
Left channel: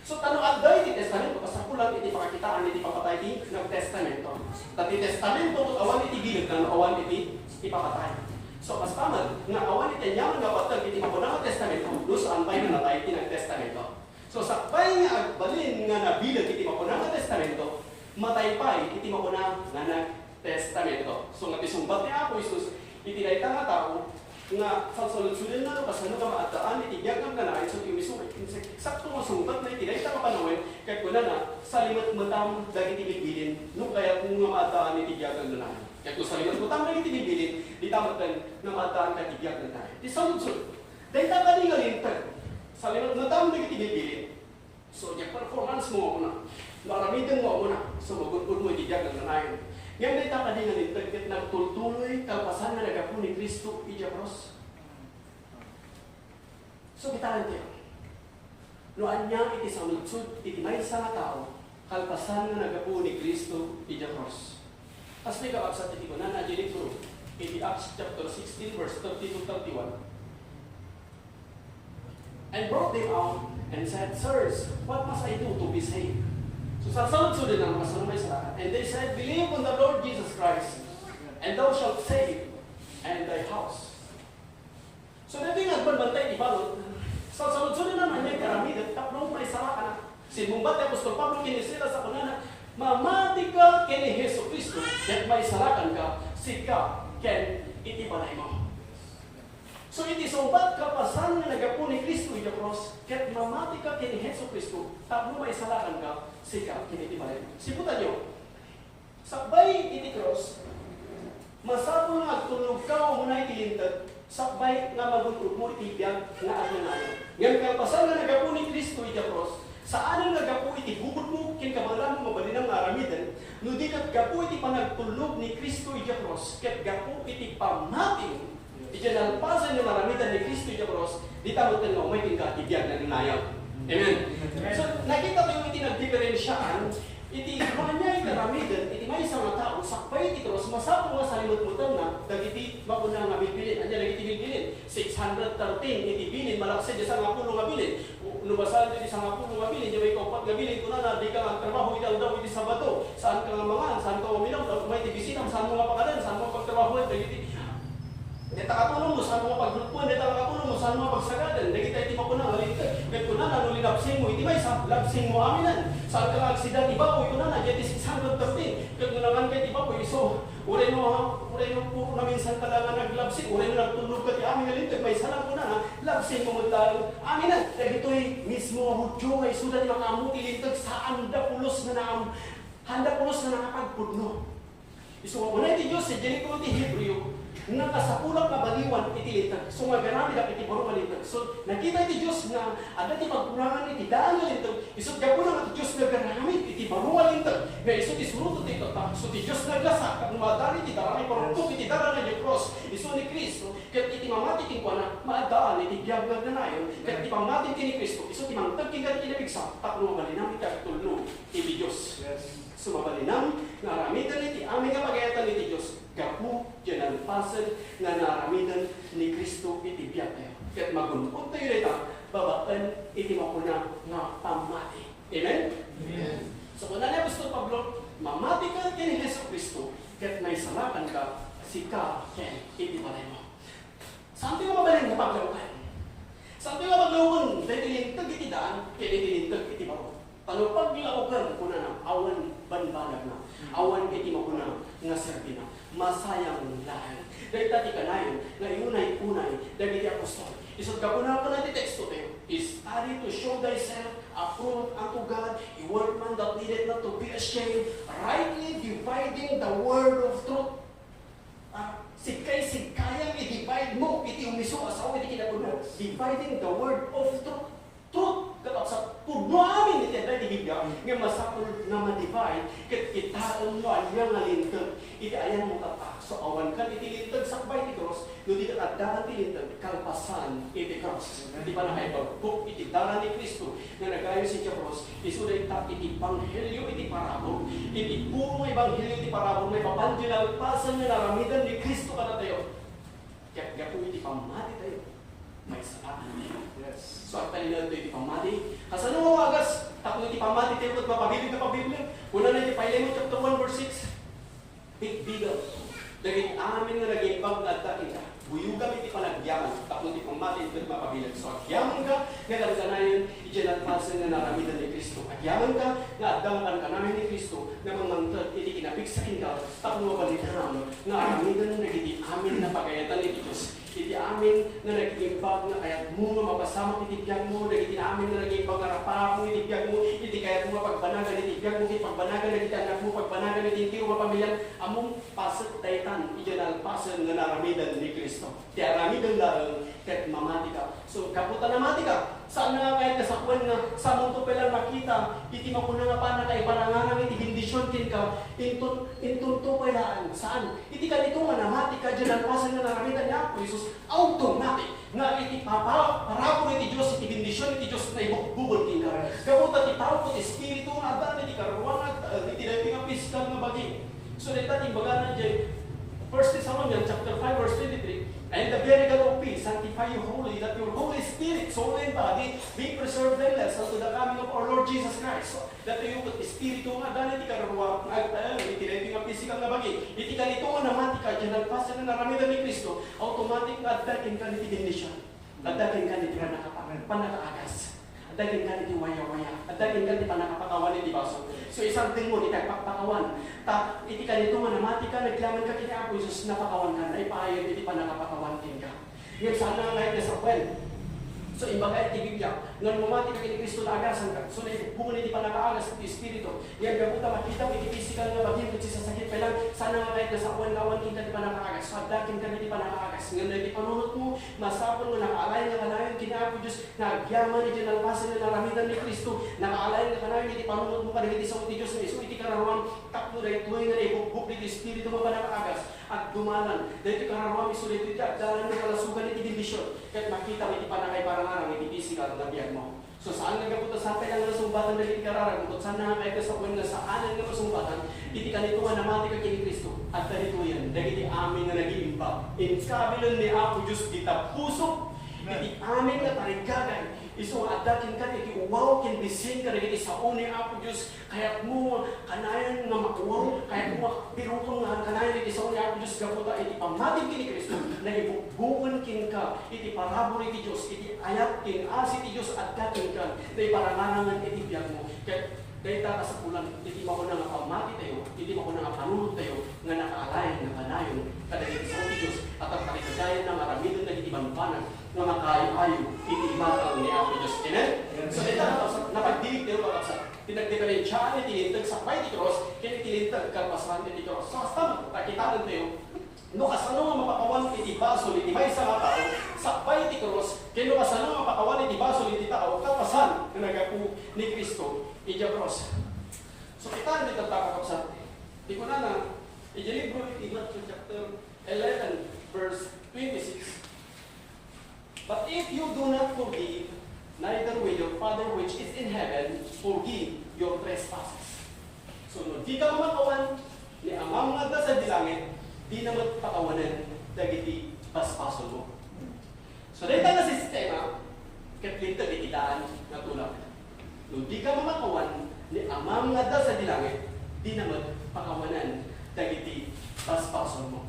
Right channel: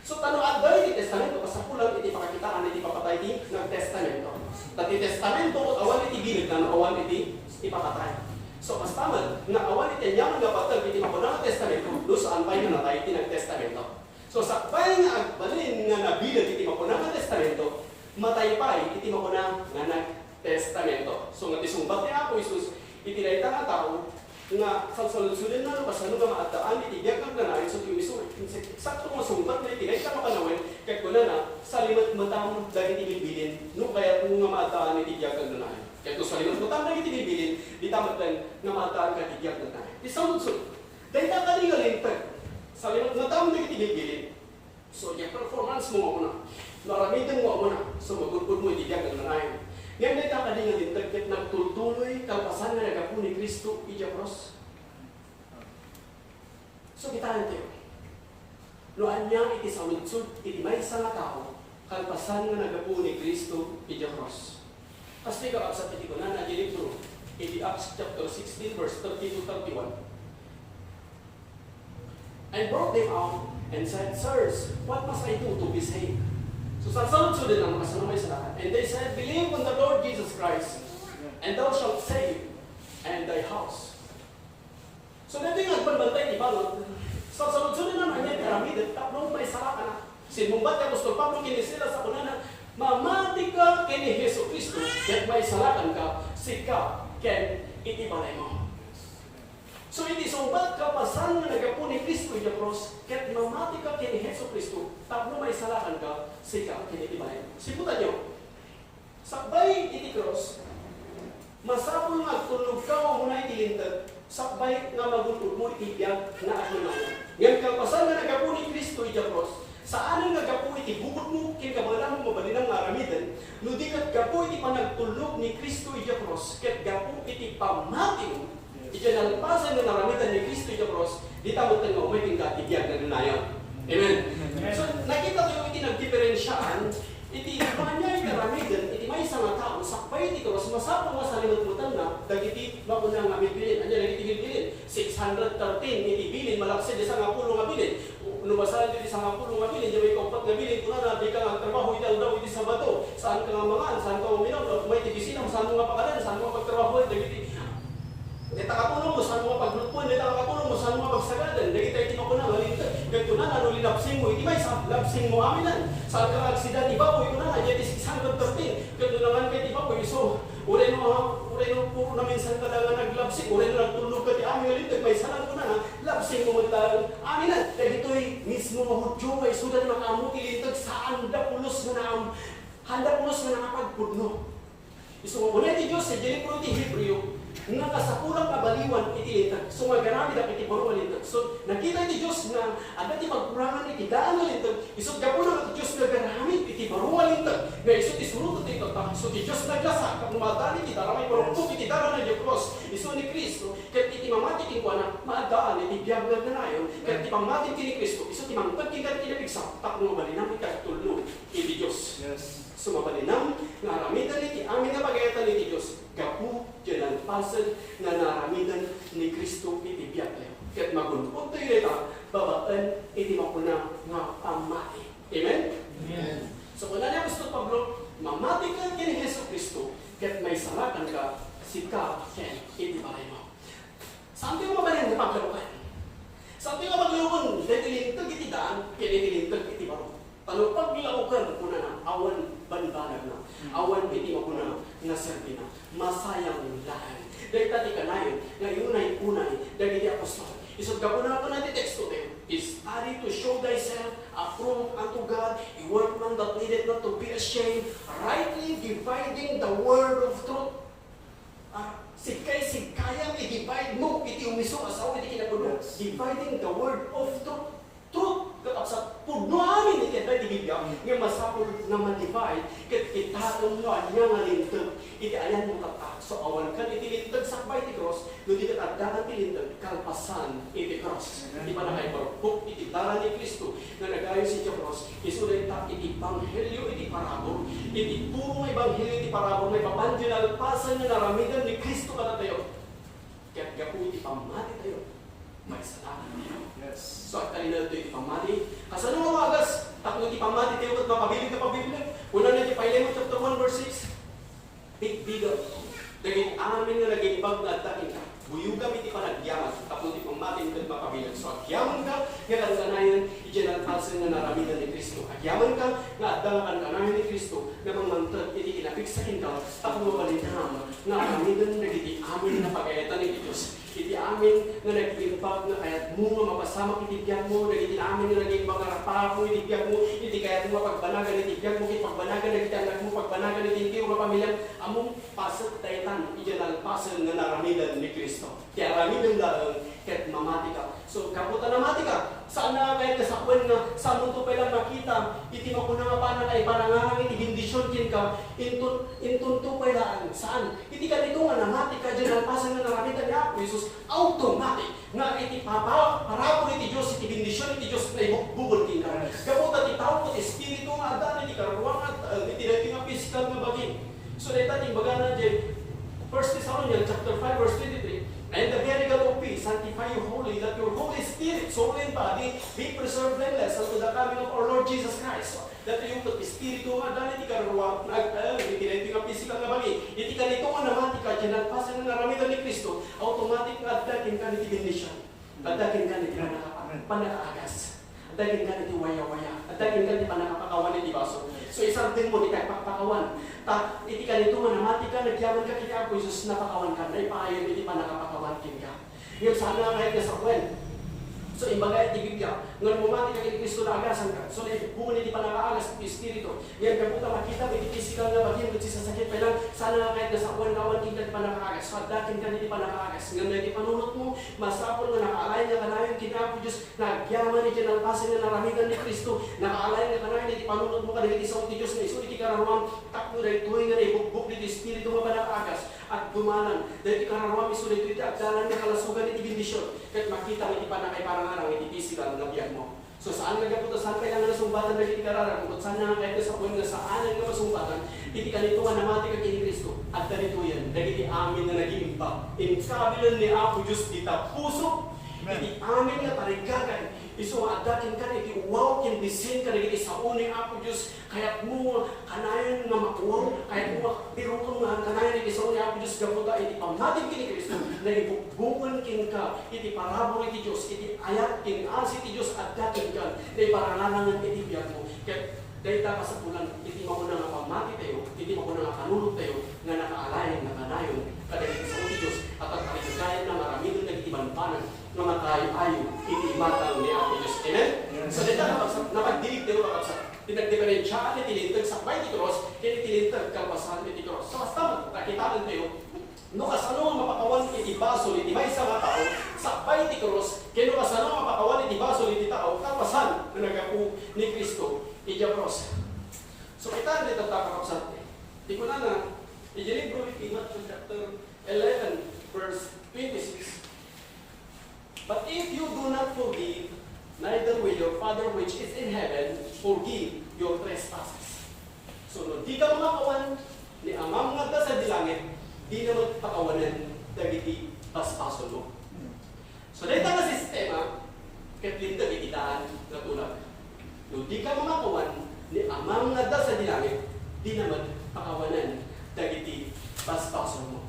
So, tanong agday iti testamento, kasapulan iti pakakitaan iti papatay iti nagtestamento. Tati testamento, awan iti bilag na awan iti ipapatay. So, mas tama, nga awan iti nyaman nga patag iti mapunang testamento, do saan pa yung natay iti nagtestamento. So, sakbay nga agbalin nga nabilag iti mapunang nga testamento, matay pa iti mapunang nga nagtestamento. So, nga tisumbat ni Apo Isus, iti dayta nga tao, nga salsaludsunin na pasano nga maataan, iti biyag ang ganahin, so timiso, eksakto nga sumbat na iti dayta nga panawin, kaya kuna na, sa limat matang daging tinibilin, no kaya kung nga maataan iti biyag ang ganahin. Kaya kung sa limat matang daging tinibilin, di tamatan nga maataan ka iti biyag ang ganahin. Di saludsud, dayta ka di galintag, sa limat matang daging tinibilin, so yung performance mo ako na, naramitan mo ako na, so magunod mo iti biyag ang ganahin. Ngayon na itakadingan din, tagkit nagtultuloy, kalpasan na nagapu ni Kristo, iti cross. So, kita tayo. Noan niya iti sa lutsud, iti may sa tao, kalpasan na nagapu ni Kristo, iti cross. Kasi ka sa iti ko na libro, iti Acts chapter 16, verse 30 to 31. And brought them out, and said, Sirs, what must I do to be saved? So sa sunod-sunod ng mga sanumay sa and they said, Believe on the Lord Jesus Christ, and thou shalt save and thy house. So dito yung nagbanbantay, di ba? Sa sunod-sunod naman niya, karami, tatlong may sara ka na. Sinumbat ni Apostol Pablo, kinisila sa kunana, mamati ka kini Hesus Kristo, at may sarakan ka, sika, ken itibalay mo. So iti sumbat ka pasan nga nagapu ni Kristo yung cross, ket mamati ka kini Hesus Kristo, tapno may sarakan ka, sika, ken itibalay mo. Siputan nyo, sakbay iti cross, masapong agtulog ka o muna itilintag, sakbay nga magulog mo itibiyag na atingayo. Ngayon kalpasan nga nagapu ni Kristo yung cross, saan ang nagapu iti bukod mo, kin kabagalan mo mabalin ang aramidan, no di kat gapu iti panagtulog ni Kristo yung cross, kat gapu iti pamati mo, iti nalpasan ng aramidan ni Kristo yung cross, di tamot nga may tingkat ibiyag na ninayaw. Amen? So nakita ko yung iti nagdiferensyaan, iti kanya yung karamidan, iti may isang tao, sakbay iti cross, masapong nga sa limot-mutan na, dagiti mauna nga bilbilin, anya nagiti bilbilin, 613 iti bilin, malaksid isa nga pulo nga bilin, lumasan iti isang nga pulo nga bilin, yung may kaupat nga bilin, kuna na, di ka nga trabaho, iti daw iti sabato, saan ka nga mangan, saan ka uminom, may tigisinam, saan mo nga pakalan, saan mo nga pagtrabaho, dagiti dita katulong mo, saan mo nga paglupon, dita katulong mo, saan mo nga pagsagadan, dagiti iti makuna, malintag, ito na, ano linapsing mo, iti may labsing mo aminan, saan ka nga aksidan, iba po, ito na, iti 613, ito naman kayo, iba po, so, uray mo puro na minsan talaga naglabsing, uray mo nagtulog ka, ti amin nga lintag, may salang ko na, labsing mo magtalang aminan, dahil ito'y mismo hudyo, ay sudan makamuti lintag, sa handa pulos na nakapagpudno. So, muna iti Diyos, Jericho iti Hebreo, nga kasapulang kabaliwan iti lintag. So, magarami na iti borong lintag. So, nakita iti Diyos na agad iti pagkurangan iti daan na lintag. Isot kapulang iti Diyos na garamit iti borong lintag. Na isot isurot iti kata. So, iti Diyos na gasa. Kapag madali iti daramay parungkot iti daan na iti cross. Isot ni Kristo. Kat iti mamati iti kwa na maadaan iti biyaglag na nayon. Kat iti mamati iti ni Kristo. Isot imangtag iti nabigsa. Tapno mabalinam iti tulno iti Diyos. So, mabalinam nga aramidan iti amin nga pagayatan iti Diyos. Gapu, dyan ang pasag na naramidan ni Kristo iti biyaglag. Kat magunpon tayo rita, babaan iti makuna nga pamati. Amen? Amen. So, kung na gusto Pablo, mamati ka kini Hesus Kristo, kat may salakan ka, sika, ken iti balay mo. Saan tayo mabalin mo paglaukan? Saan tayo maglaukan? Dahil tilintag iti daan, ken itilintag iti baro. Ano paglaukan kuna na, awan banbanag na, awan iti makuna nga serbi na, masayang lahan. Dahil tati ka na yun, nga iunay-unay, dahil iti apostol. Isot ka po na natin teksto tayo, is study to show thyself approved unto God, a workman that needed not to be ashamed, rightly dividing the word of truth. Sigkayang i-divide mo, iti umiso, asawa, iti kinapuno, dividing the word of truth. Truth, katap sa pugno amin iti na ibigay, nga masapul na ma-divide, kat kitaon mo, anya nga lintag, iti ayan mo tata. So awan kan iti lintag sakbay iti cross, no iti katadagan iti lintag, kalpasan iti cross. Iti pa na kayo pagbuk, iti dara ni Kristo, na nagayo si cross, isuday ta iti banghelyo, iti parabol, iti puro ebanghelyo, iti parabol, may papanjil alpasan na naramidan ni Kristo kada tayo. Kaya gapu iti pamati tayo, may salamat niyo. So, at tayo ito iti pamati. Kasano mo agas, takno iti pamati tayo kat mapabilig na pabiblia. Una na iti Philemon chapter 1 verse 6. Bigbigan. Naging amin nga naging bag na atakin ka. Buyog kami iti panagyaman. Takno iti pamati ito mapabilig. So, agyaman ka, nga lang kanayon, itinalpasan nga naramidan ni Kristo. Agyaman ka, nga addangan kanayon ni Kristo, na mamantag iti kinapiksakin ka, takno mabalitam, nga aramidan na iti amin na pagayatan ni Diyos. Iti amin na nag-iimbag na kayat mo nga mapasama iti biyag mo, iti amin na nag-iimbag nga rapako iti biyag mo, iti kayat mo mapagbanagan iti biyag mo, iti pagbanagan iti anak mo, pagbanagan iti tiyo nga pamilyan, among pasat taytan, iti nalpasan nga naramidan ni Kristo. Ti aramidan lang, kat mamati ka. So, kaputan na mati ka, saan na kahit nasakwan nga, sa mundo pa lang makita, iti makuna nga pa na kay panangarang iti bindisyon kin ka, intun to pa lang, saan? Iti ka dito nga namati ka, dyan nalpasan nga naramidan ni Apo Jesus, automatic nga iti parapon iti Diyos, iti bindisyon iti Diyos na ibukbukod tina. Kaputan iti tao ko, iti espiritu nga adan, iti karuang at iti dating nga piskal nga baging. So, dahil tating baga na dyan, 1 Thessalonians chapter 5 verse 23, and the very God of peace, sanctify sanctify you wholly, that your Holy Spirit, soul and body, be preserved blameless unto the coming of our Lord Jesus Christ. So, that yung Espiritu nga dahil iti karuwa, iti nga physical nga bagi, iti ka nito nga naman, ika dyan nagpasan na naramitan ni Kristo, automatic nga addakin ka niti bendisyon, addakin ka niti panakaagas, addakin ka niti waya-waya, addakin ka niti panakapakawan niti baso. So isang din mo, iti pakawan, iti ka nito nga naman, ika nagyaman ka kiti Apo Jesus, napakawan ka, na ipahayag iti panakapakawan ka. Yung sana nga kahit nasa kwen. So, imbaga iti Biblia, ngan mumati ka kini Kristo na agasan ka. So, naibungan iti panakaagas iti Espiritu. Yan, kabuta makita mo iti physical nga bagay, iti sasakit pa lang, sana nga kahit nasa kawan kita iti panakaagas. Pagdakin ka iti panakaagas. Ngan na iti panunot mo, masapon mo, nakaalay na kanayon, kinapo Diyos, nagyaman iti nalpasan na naramitan ni Kristo, nakaalay na kanayon, iti panunot mo ka iti sa uti Diyos, na iso iti karamang takno na ituloy nga na ibukbuk iti Espiritu mo panakaagas. At dumanan, dahil iti karamang iso na ito iti agdalan nga kalasugan iti bendisyon. Kahit makita mo iti panakay parang arang iti physical na biyag mo. So saan nga kaputo, saan kaya nga nasumbatan na iti kararang, kung saan nga kaya sa kung nga saan nga nasumbatan, iti kanito nga namati ka kini Kristo, at kanito yan, nagiti amin nga nag-iimpa. In kabilan ni Apo Diyos, ita puso, iti amin nga parigagay, iso adakin ka, iti uwaw, kinbisin ka, nagiti sa uni Apo Diyos, kaya't mo kanayan na makuwaw, kaya't mo birukong nga kanayan iti sa uni Apo Diyos, gaputa, iti pamatin kini Kristo, nagibukbungan kin ka, iti parabor iti Diyos, iti ayat kin as iti Diyos, adakin ka, na iparanganangan iti biyag mo. Kaya dahil ka sa pulan, iti mo ko na nga pamati tayo, iti mo ko na nga panunod tayo, nga nakaalay, na kanayon, kadagiti sa uni Diyos, at ang pakikagayan na maramitin na iti banpanan, nga makayo-ayo, iti matang ni Apo Diyos. Amen? So dito, napagdilig tayo kakapsat. Tinagdifferensyahan, itilintag sa bay ti cross, kaya itilintag kalpasan iti cross. So basta, kakitaan tayo, no kasano nga mapakawan iti basol iti may sa mga tao, sakbay iti cross, kaya no kasano nga mapakawan iti basol iti tao, kalpasan na nagapu ni Kristo, iti cross. So kita dito kakapsat. Di ko na iti libro iti Matthew chapter 11, verse 26. But if you do not forgive, neither will your Father which is in heaven forgive your trespasses. So, no, di ka makawan ni amang nga sa dilangit, di na magpakawanan dagiti paspason mo. So, dahil na sistema, katlintag ikitaan na tulad. No, di ka makawan ni amang nga sa dilangit, di na magpakawanan dagiti paspason mo.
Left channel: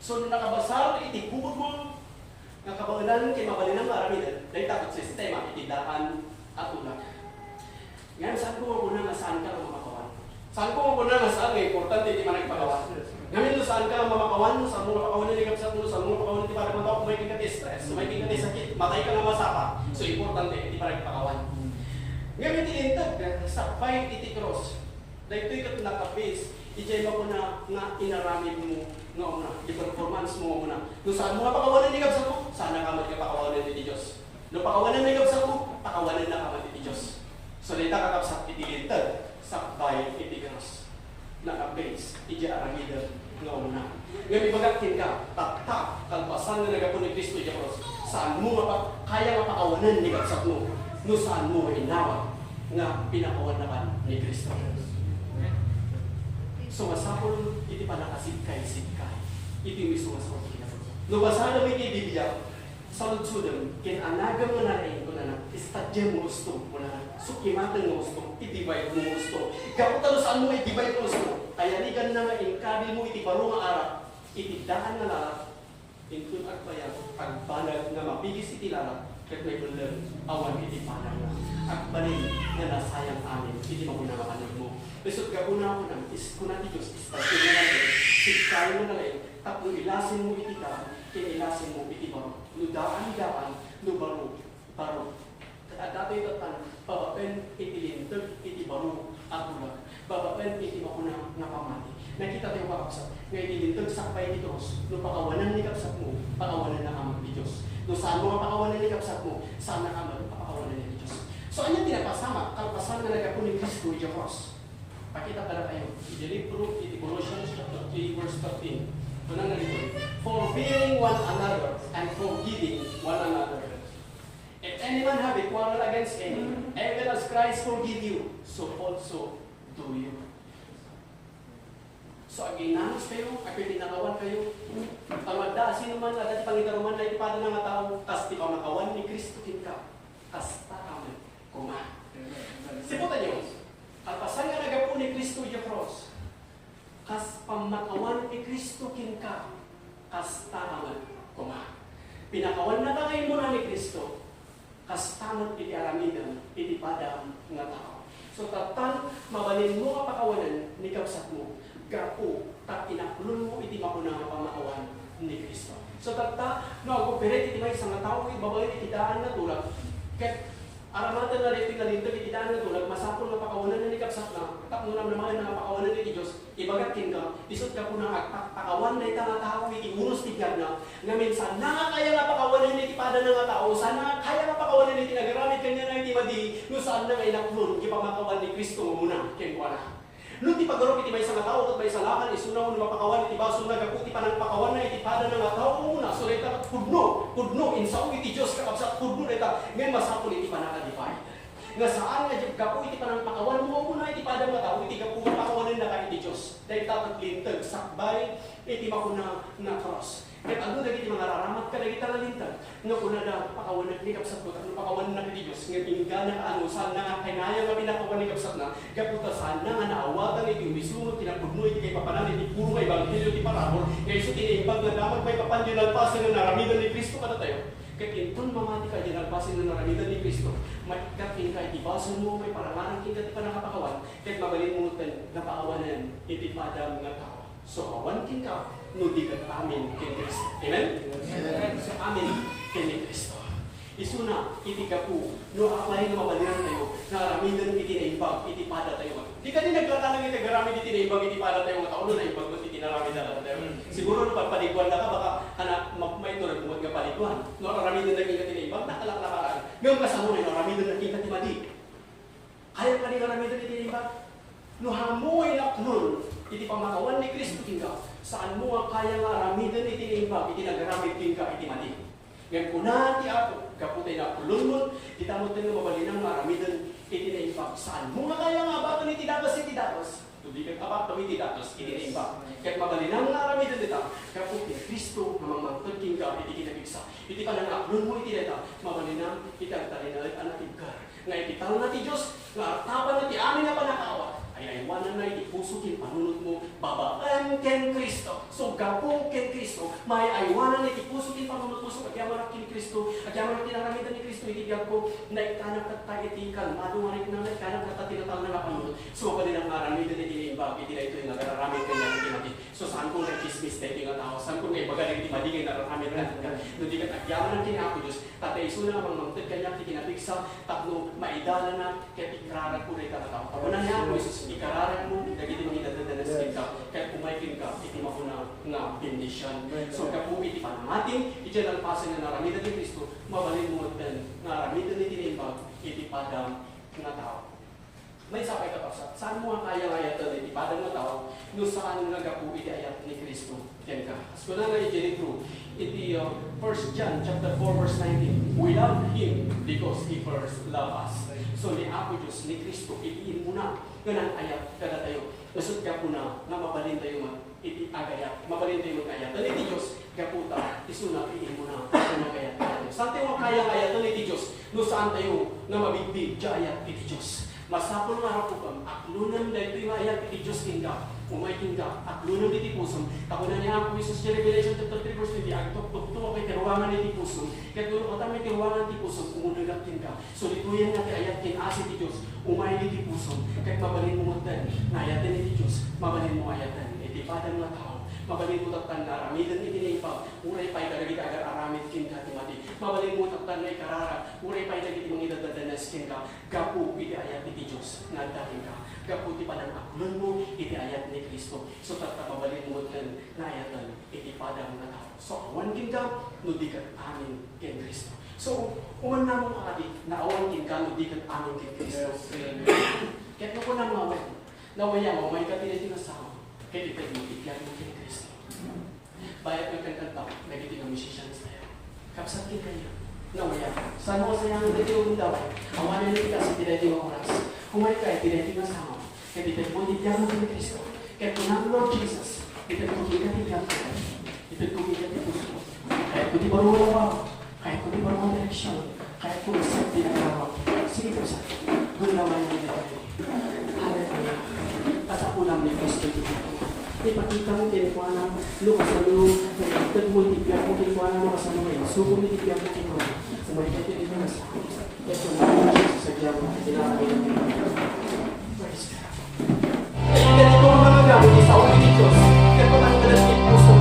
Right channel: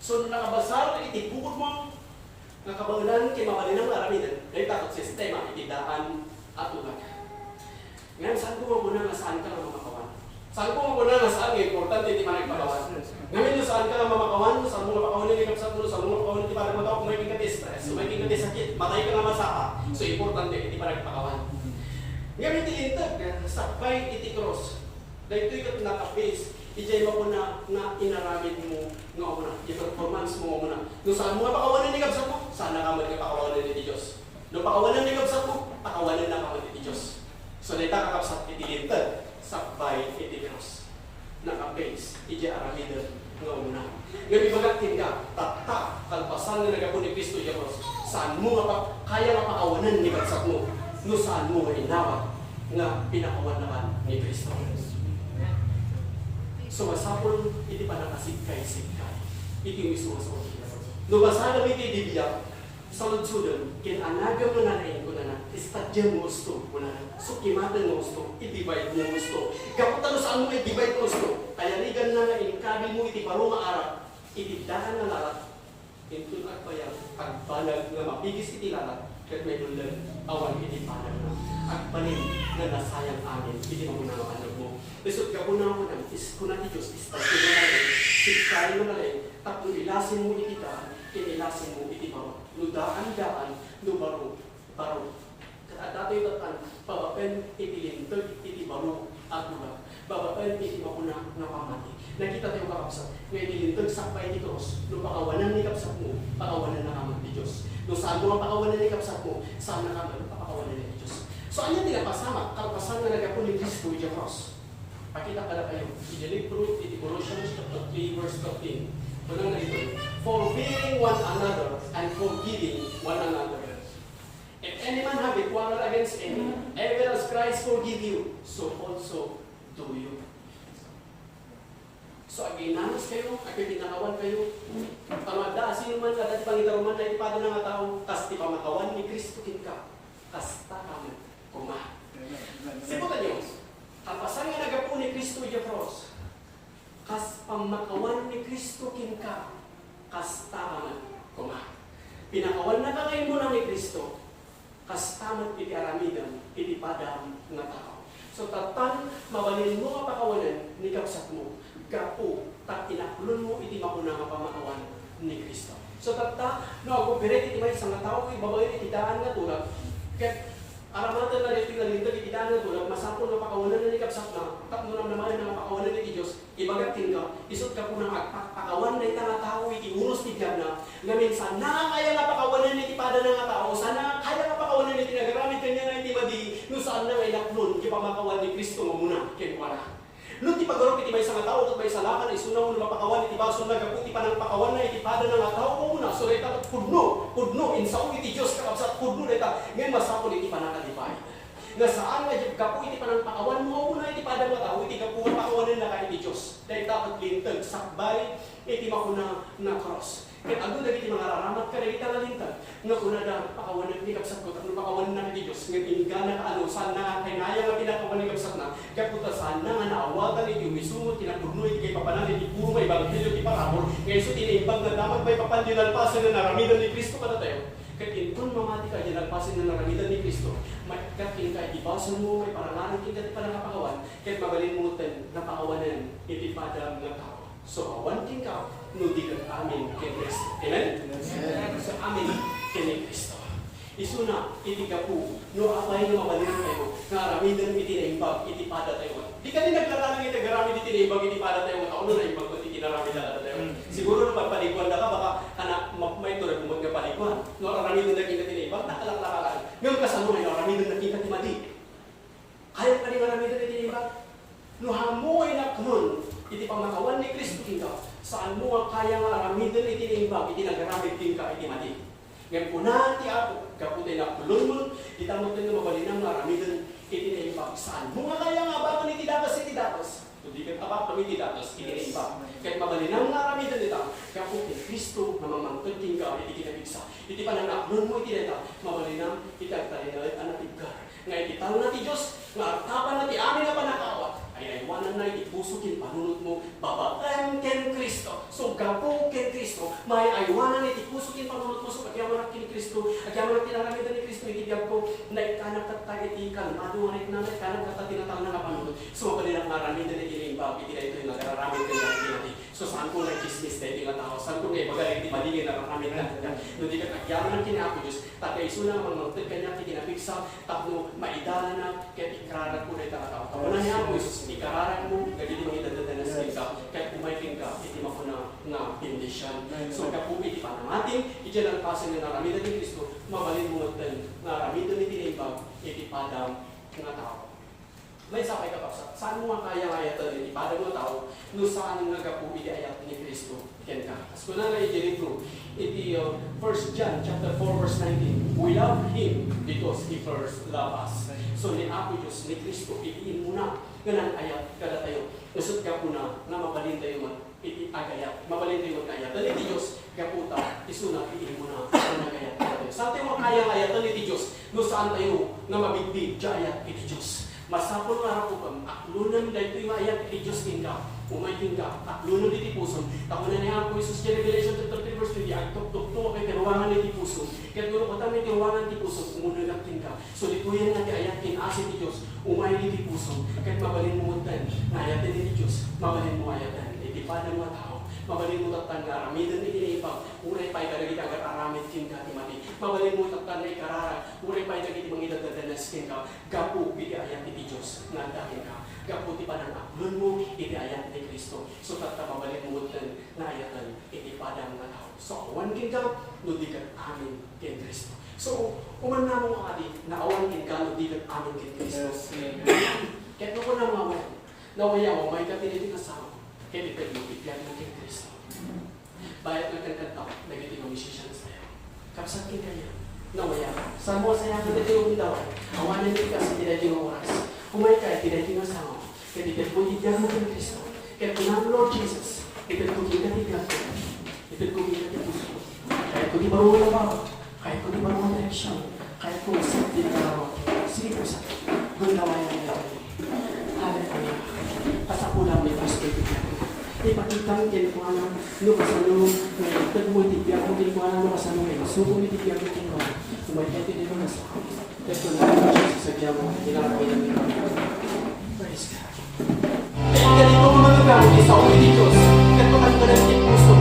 So, nung nakabasar, itibubod mo, nga kabalan kay mabalinang aramidan, dahil takot sistema, itidaan at ulag. Ngayon, saan ko muna nga saan ka na mamakawan? Saan ko muna nga saan nga importante hindi man nagpakawan? Ngayon, saan ka mamakawan? Saan mo mapakawan ni Kapsat mo? Saan mo mapakawan ni parang mataw? Kung may kingati stress, kung may kingati sakit, matay ka nga masapa. So, importante, hindi pa nagpakawan. Ngayon, itilintag, sakbay, itikros. Dahil ito'y katinaka-base, ijay mo na nga inaramid mo nga muna, yung performance mo muna. Nung saan mo nga pakawanan ni Kapsat mo, saan na kamad ka pakawanan ni Diyos? Nung pakawanan ni Kapsat mo, pakawanan na kamad ni Diyos. So, dito ka Kapsat, itilintag, sakbay, itikros. Naka-base, ijay aramid nga muna. Ngayon, ibagakin ka, tatak, kalpasan na nagapon ni Kristo Diyos. Saan mo nga pa, kaya nga pakawanan ni Kapsat mo? Nung saan mo nga inawa nga pinakawan naman ni Kristo. So, masapol, iti pa nakasitkay-sitkay. Iti miso sa ulitin. No, basa namin kay Biblia, sa ludsudam, kinanagang mo na rin ko na istadyan mo gusto mo na sukimatan mo gusto, itibay mo gusto. Kaputan saan mo itibay mo gusto, kayarigan na nga inkabil mo iti baro nga arap, itidaan nga lalat, intun at bayang, pagbalag na mapigis iti lalat, kahit may ulan, awan iti palang na, at balin na nasayang amin, iti mamuna nga anak mo. Besot ka una ko nang kuna ti Diyos, istasyon mo na rin, sikkain mo na rin, tapos ilasin mo iti daan, kinilasin mo iti baro. Ludaan, lubaro, baro. At dato ito tan, pabapen iti lintag, iti baro, at ulag. Babapen iti makuna na pamati. Nakita tayo kakapsat, nga iti lintag sakpay iti cross, nung pakawanan ni kapsat mo, pakawanan na kamag ni Diyos. Nung saan mo nga pakawanan ni kapsat mo, saan na kamag, pakawanan ni Diyos. So, ano tinapasama? Kalpasan na nagapon ni Kristo iti cross. Pakita ka na kayo. I-libro, iti Colossians chapter 3, verse 13. Ito na nalito. Forbearing one another and forgiving one another. If any man have a quarrel against any, even as Christ forgive you, so also do you. So, aginanos kayo, pinakawan kayo. Pamagda, sino man nga, dati pangitaruman na ipada ng nga tao, tas di pamakawan ni Kristo kinka, hasta kami, kuma. Siputan nyo, ang pasang nga nagapo ni Kristo yung cross, kas pamakawan ni Kristo kinka, hasta kami, kuma. Pinakawan na ka kayo muna ni Kristo, hasta man iti-aramidan, iti-pada nga tao. So, tatan, mabalin mo ang pakawanan ni kapsat mo, gapo, tak inakulon mo, iti makuna nga pamakawan ni Kristo. So, tata, no, ako piret, iti may isang tao, ibabay, itidaan nga tulad. Ket, aramatan na iti nalindag, itidaan nga tulad, masapon nga pakawanan na ni kapsat na, tak mo naman nga pakawanan ni Diyos, ibagatin ka, isot ka po na pakawan na ita nga tao, iti unos tigyan na, nga minsan, na kaya nga pakawanan iti pada na nga tao, sana kaya nga pakawanan iti nagaramit kanya nga iti madi, no saan na nga inaklon, ipamakawan ni Kristo mo muna, ken wala. Nung ti pagorop iti may isang tao at may salakan isunaw na mapakawan iti baso na gapu iti panang pakawan na iti pada ng tao muna so reta kudno insaw iti Dios kakabsat kudno reta ngayon masapol iti panakadipay nga saan nga gapu iti panang pakawan mo muna iti pada ng tao iti gapu nga pakawanan na ka iti Dios dahil dapat lintag sakbay iti makuna na cross. Kaya ano dagiti mga raramat ka dagiti nalintag nga kuna da pakawanan ni kapsat ko tapno pakawanan na ni Dios nga tinigana ka ano saan na kainaya nga pinakawan ni kapsat na gaputa saan na nga naawagan iti umisumot kinapudno iti kay papanan iti puro nga ebanghelyo iti parabol nga iso tinimbang nga dapat may papandilan pasen na naramidan ni Kristo kada tayo ket inton mamati ka diyan pasen na naramidan ni Kristo may kating ka ibason mo may parangaran king ket panakapakawan ket mabalin mo ten nga pakawanan iti pada nga tao. So, awan king ka, no di kat amin kay Kristo. Amen? Amen? So, amin kay Kristo. Isuna, iti kapu, no away nga mabaliran tayo, nga aramidan iti naimbag, iti pada tayo. Di ka din naglatanang iti garamid iti naimbag, iti pada tayo, tao no naimbag mo iti naramidan tayo. Siguro no pagpaliguan na ka, baka may ito nagmumag nga paliguan. No aramidan na kita tinaimbag, nakalak-lakalaan. Ngayon kasama may aramidan na kita timadi. Kaya pa rin aramidan iti naimbag. No hamoy na kanon, iti pamakawan ni Kristo tingka, saan mo nga kaya nga aramidan iti naimbag, iti nagaramid tingka, iti madi. Ngayon po na ti Apo, kaputay na kulon mo, itamot na mabalinang nga aramidan iti naimbag. Saan mo nga kaya nga abakan iti dapas. Hindi ka abak kami iti dapas, iti naimbag. Kahit mabalinang nga aramidan nita, kaputay Kristo na mamangtod tingka, iti kinabigsa. Iti panangaklon mo iti neta, mabalinang iti agtalingalit anak tigkar. Nga iti tao na ti Diyos, nga artapan na ti amin na panakawa. Ay aywanan na itipuso kin panunot mo babaan ken Kristo. So gapo ken Kristo, may aywanan itipuso kin panunot mo so agyaman kin Kristo, agyaman tinaramidan ni Kristo itigyan ko na ikanap kat iti kalmado manik na ikanap kat tinatang na panunot. So kanilang maramidan iti imbag iti ito yung nagararamid kan natin. So saan ko na chismis dahil nga tao, saan ko nga ibagaling di maligay nararamid kan natin. No di kat agyaman kin ako Dios, tatay suna nga mangmangtid kanya iti napigsa tapno maidala na ket ikrarat ko na tao. Tawanan niya ako Isus ikararan mo, dagiti mga idadadanas ka, kahit umaikin ka, iti makuna nga bendisyon. So, kapo iti panamating, iti lang pasan na naramidan ni Kristo, mabalin mo din, naramidan ni tinimbag, iti padang nga tao. May sapay ka pa sa, saan mo nga kaya ayatan iti padang nga tao, no saan nga kapo iti ayat ni Kristo, ken ka. As ko na nga iti iti 1 John chapter 4 verse 19, we love Him because He first loved us. So, ni Apo Diyos, ni Kristo, itiin mo na, ganang ayat kada tayo. Nasud ka po na, nga mabalin tayo man, iti agayat, mabalin tayo mag-ayat. Dan iti Diyos, kaputa, isuna, itiin mo na, ganang ayat. Saan tayo makaya ayat, dan iti Diyos, no saan tayo nga mabigbig, ayat iti Diyos. Masapol nga ako pang, aklunan dahil ito yung ayat iti Diyos tingka, umaiting ka, aklunan iti puso. Takunan niya ang Isus kaya Revelation chapter 3 verse 20, agtok-tok kay karuangan iti puso. Kaya tulong patami iti ruangan iti puso, umudugat tingka. So dituyan nga ti ayat kinasi iti Diyos, umayin iti puso. Kahit mabalin mo mutan, na ayatan iti Diyos, mabalin mo ayatan, iti padang mga tao. Mabalin mo taktan nga aramidan iti naipag, unay pa'y kadagit agar aramid kin ka timati. Mabalin mo taktan nga ikarara, unay pa'y kadagit mga idadadanas kin ka, gapu iti ayat iti Diyos, nga dahin ka. Gapu ti padang aklon mo, iti ayat ni Kristo. So takta mabalin mo mutan, na ayatan, iti padang nga tao. So awan kin ka, no di kat amin kin Kristo. So, uman na mo kadi, na awan kin ka, no di kat amin kin Kristo. Kahit mo ko na mga nawaya mo, may katiniti na sa kaya ito yung ibigyan mo kay Kristo. Bayat ng kantang nagiti ng musician sa iyo. Kapsat kin kaya, nawaya. Saan mo kasayang mo dati yung daw, awanan din kasi tinay yung oras. Kumay ka, tinay yung asawa. Kaya ito yung ibigyan mo kay Kristo. Kaya kung Lord Jesus, ito ko giganigan ko. Ito ko giganigan ko. Kaya kung di marunong ako, kaya kung di marunong direksyon, kaya kung masip din ang araw, sige po sa gunaway na nito. Hallelujah. Kasapulang ni Kristo ito. Ipakita mo din kung ano, kasano, nagmultipiyag mo din kung ano, kasano ngayon. Suko mo din mo din mo. Umaypati din mo nasa. Kaya kung namin siya sa sagya mo, kinakain namin mo. Praise God. Ay, ganito ang mga gamit sa ulit Diyos. Kaya kung ang ganit puso,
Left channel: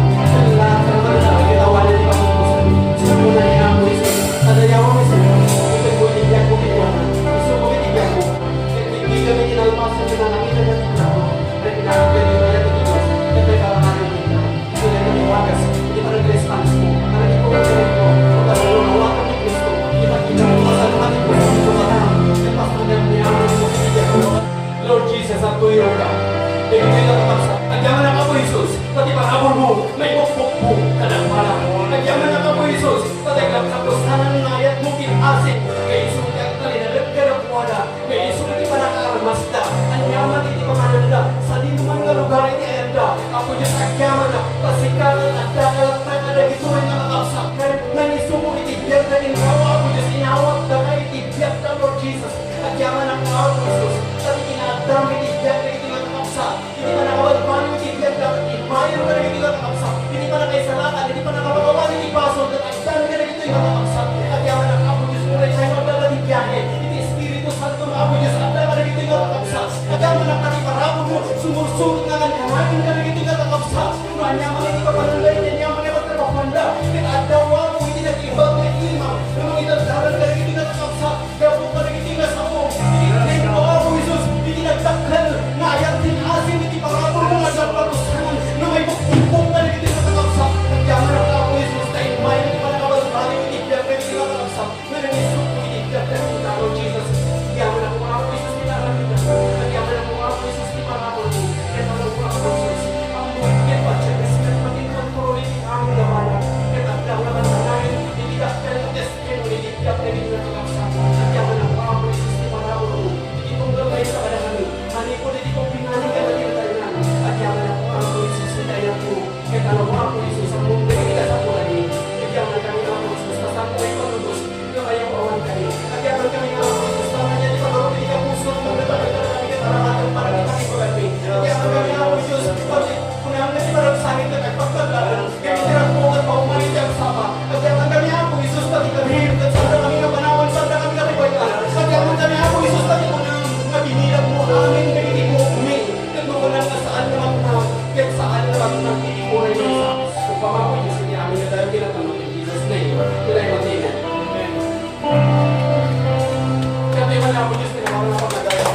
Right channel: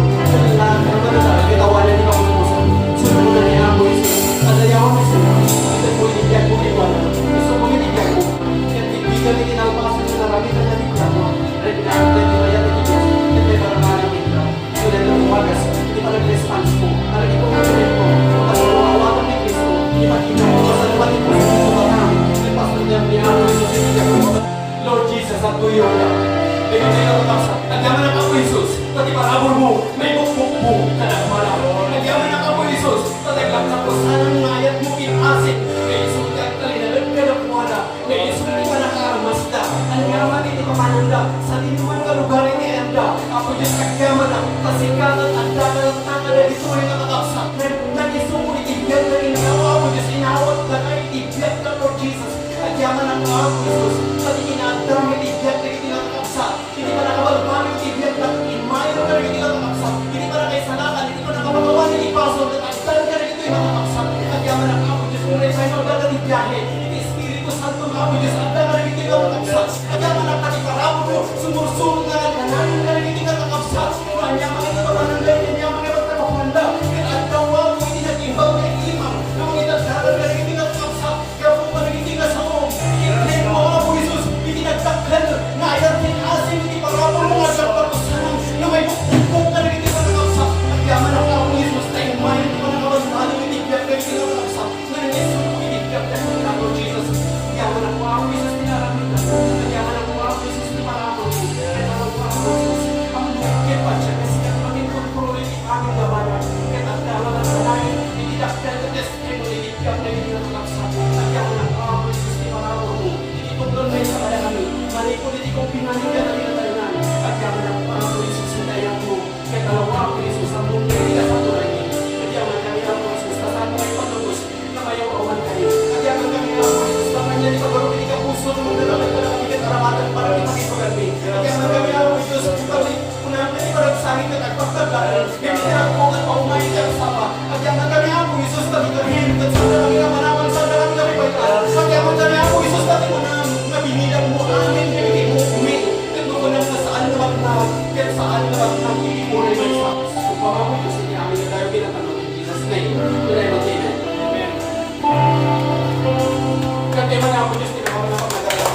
lahat ng ganit, ginawa na di ba kung puso. So, kung nangyayang mo isa, madali ako may sabi, ito mo itibiyag mo kinuha. Gusto mo itibiyag mo. Kaya hindi kami tinalpasan sa naramitan na ako. Dahil pinakagad mo yan ni Diyos. Kaya may parang namin ka. Ito na ito wagas. Hindi pa nag-response mo. Parang ito ang ganit ko. Kung parang mahawakan ni Kristo, hindi pa kinawa sa naman ni Kristo. Ito ka lang. Kaya pasal na niya ako sa itibiyag mo. Lord Jesus, at tuyo ka. Ngayon ay natatapsa. Nagyaman ang ako, Jesus. Tati parabon mo. May bukbuk mo. Kanagmana mo. Nagyaman ang ako, Jesus. Tati lapsap ko. Sanang ngayat mo pinasin. May isulti at talinalag ka na kuwala. May isulti ka na karamasda. Ang yaman iti pamananda. Sa dinuman ka lugar ini ayanda. Ako Diyos nagyaman na. Pasikat at adda ka lang na kada ito ay natatapsa. Nanisong mo itibiyag na rin niyaw. Ako Diyos inawat na ka itibiyag ka, Lord Jesus. Nagyaman ang ako, Jesus. Tati inadam itibiyag na ito natatapsa. Hindi pa nakawalipan yung tibiyag na imayan ka rin ito natatapsa. Hindi pa nakaisalatan. Hindi pa nakawagawa ni Tipason. Nagdaan ka rin ito yung natatapsa. Nagyaman ang ako, Diyos. Kung rin sa'yo magdadalibiyahe. Hindi Espiritu Santo na ako, Diyos. At ka rin ito yung natatapsa. Nagyaman ang katiparapon mo. Sumusunod na lang. Kananin ka rin ito yung natatapsa. Kanya mga ito ka manangay. Kanya mga ito ka pakumanda. At dawa mo iti nag-ibang na imaw. Na mga itadaran ka rin ito yung natatapsa. Kaya po ka rin ito yung kasawong. Itin mo ako, Jesus. Itinagdaklan. Na ayatin asin iti parapon mo. At ang patusanan. Na may bukbuk ka rin ito yung natatapsa. Nagyaman ang ako, Jesus. Tayo mayan ito ka nakabasali. Itibiyag ka rin ito yung natatapsa. Na nangyayos mo itibiyag ka rin ito yung Jesus. Nagyaman ako, ako, Jesus. Pinarami ka. Nagyaman ako, ako, Jesus. Pinarapon mo. Kaya ako, ako, Jesus. Ang nagkit pa siya kasi kapatingkot ko rin aming labanan. Kaya takdawan na sanayin. Itidakdan ang testimony. Itibiyag ka rin ito yung natatapsa. Nagyaman ako, ako, Jesus. Pinarapon mo. Ititunggal na yung kalayani. Hani ko hindi ko pinani kaya tayo tayo na. At yaman ako, ako, Jesus. Kaya ko. Kaya talawa ako, Jesus. Ang mundo hindi ka sa tulay. At yaman kami ako, Jesus. Tasang ko ay patubos. Kamay ako awan kayo. At yaman kami ako, Jesus. Tama niya, di ka baro, hindi ka puso. Muna kami talagang kita ramatan para kita may pagkabi. At yaman kami ako, Jesus. Kami, kung namin kita nagsangit ka nagpagpagkaran. Kami tinapukat pa umayin ka sama. At yaman kami ako, Jesus. Tabi kami. At sanda kami kamanaman. Sanda kami kami pagkaran. At yaman kami ako, Jesus. Tabi ko na mabinilang mo amin. Kami mo umi. Kaya mo lang na saan naman na. Kaya saan naman na iipunin mo sa. Kung pamako sa niya amin na tayo pinatanong. Jesus name. Tulay mo din. Amen. Kaya man ako, Diyos, tinawag na ako nagaya.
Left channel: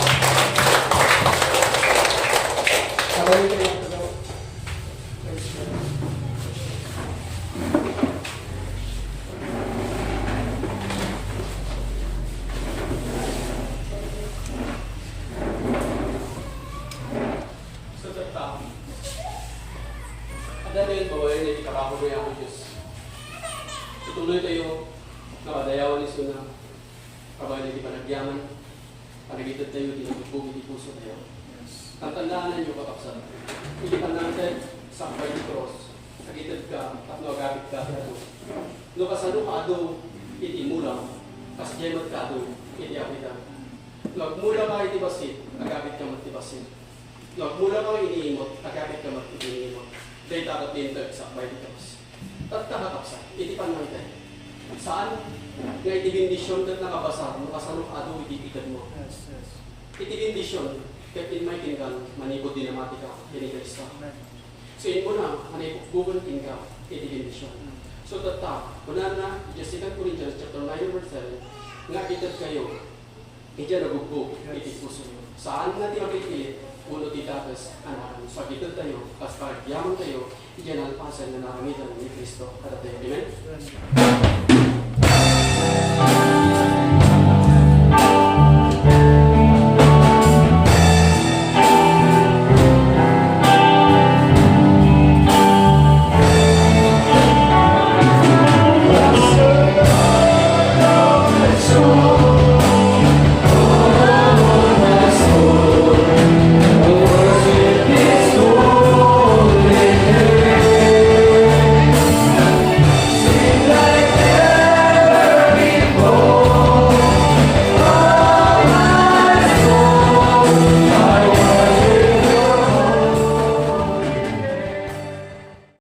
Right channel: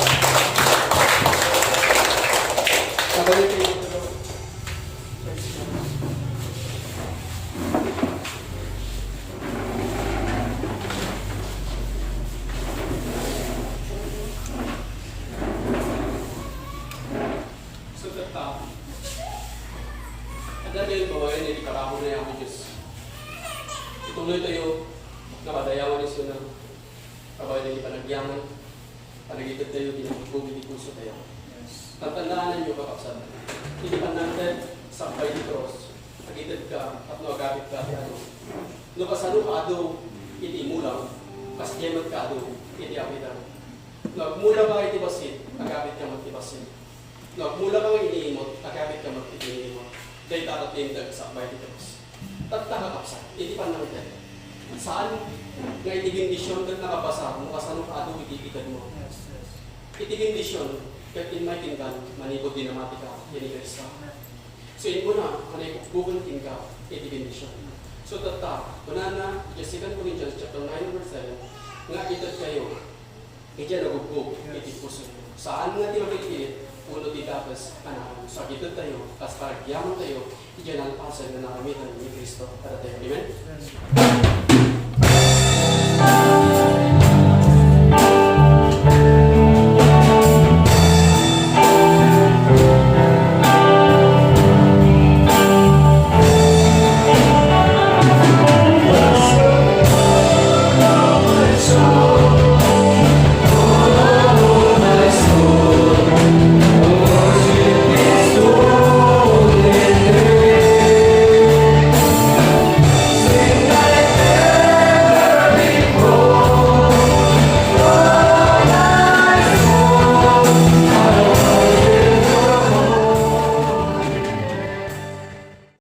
Sabay kayo. So that ada din bawayan na iparako mo ako, Diyos. Ituloy tayo nakadayawan ni Suna. Kabay na ipanagyaman. Panagitad tayo, dinagbugbog, hindi puso tayo. Ang tandaanan nyo, kakapsat. Hindi panangtad sa kapay di cross. Nagitad ka at nagagabit ka. No kasano ka ado, iti mulang. Kasjemot ka ado, iti apitan. Nagmula ka iti basit, nagabit ka magtibasit. Nagmula ka iniimot, nagabit ka magtipinimot. Dahil tatatintag sa kapay di cross. Tatakakapsat, iti panangtad. Saan? Nga iti bindisyon kat nakabasa, no kasano ka ado, iti ikad mo. Iti bindisyon, kahit in may tingkan, manibod dinamati ka, tinigris ka. So in muna, manibugbugan ka, iti bindisyon. So tata, una na, Jessica Corinthians chapter 9 verse 7, nga itad kayo, iti nagugbog, iti puso nyo. Saan nga tinapilit, uno titakas, anakan. So itad tayo, kas paragyaman tayo, iti nalpasan na nakamitan ni Kristo. Kada tayo, amen?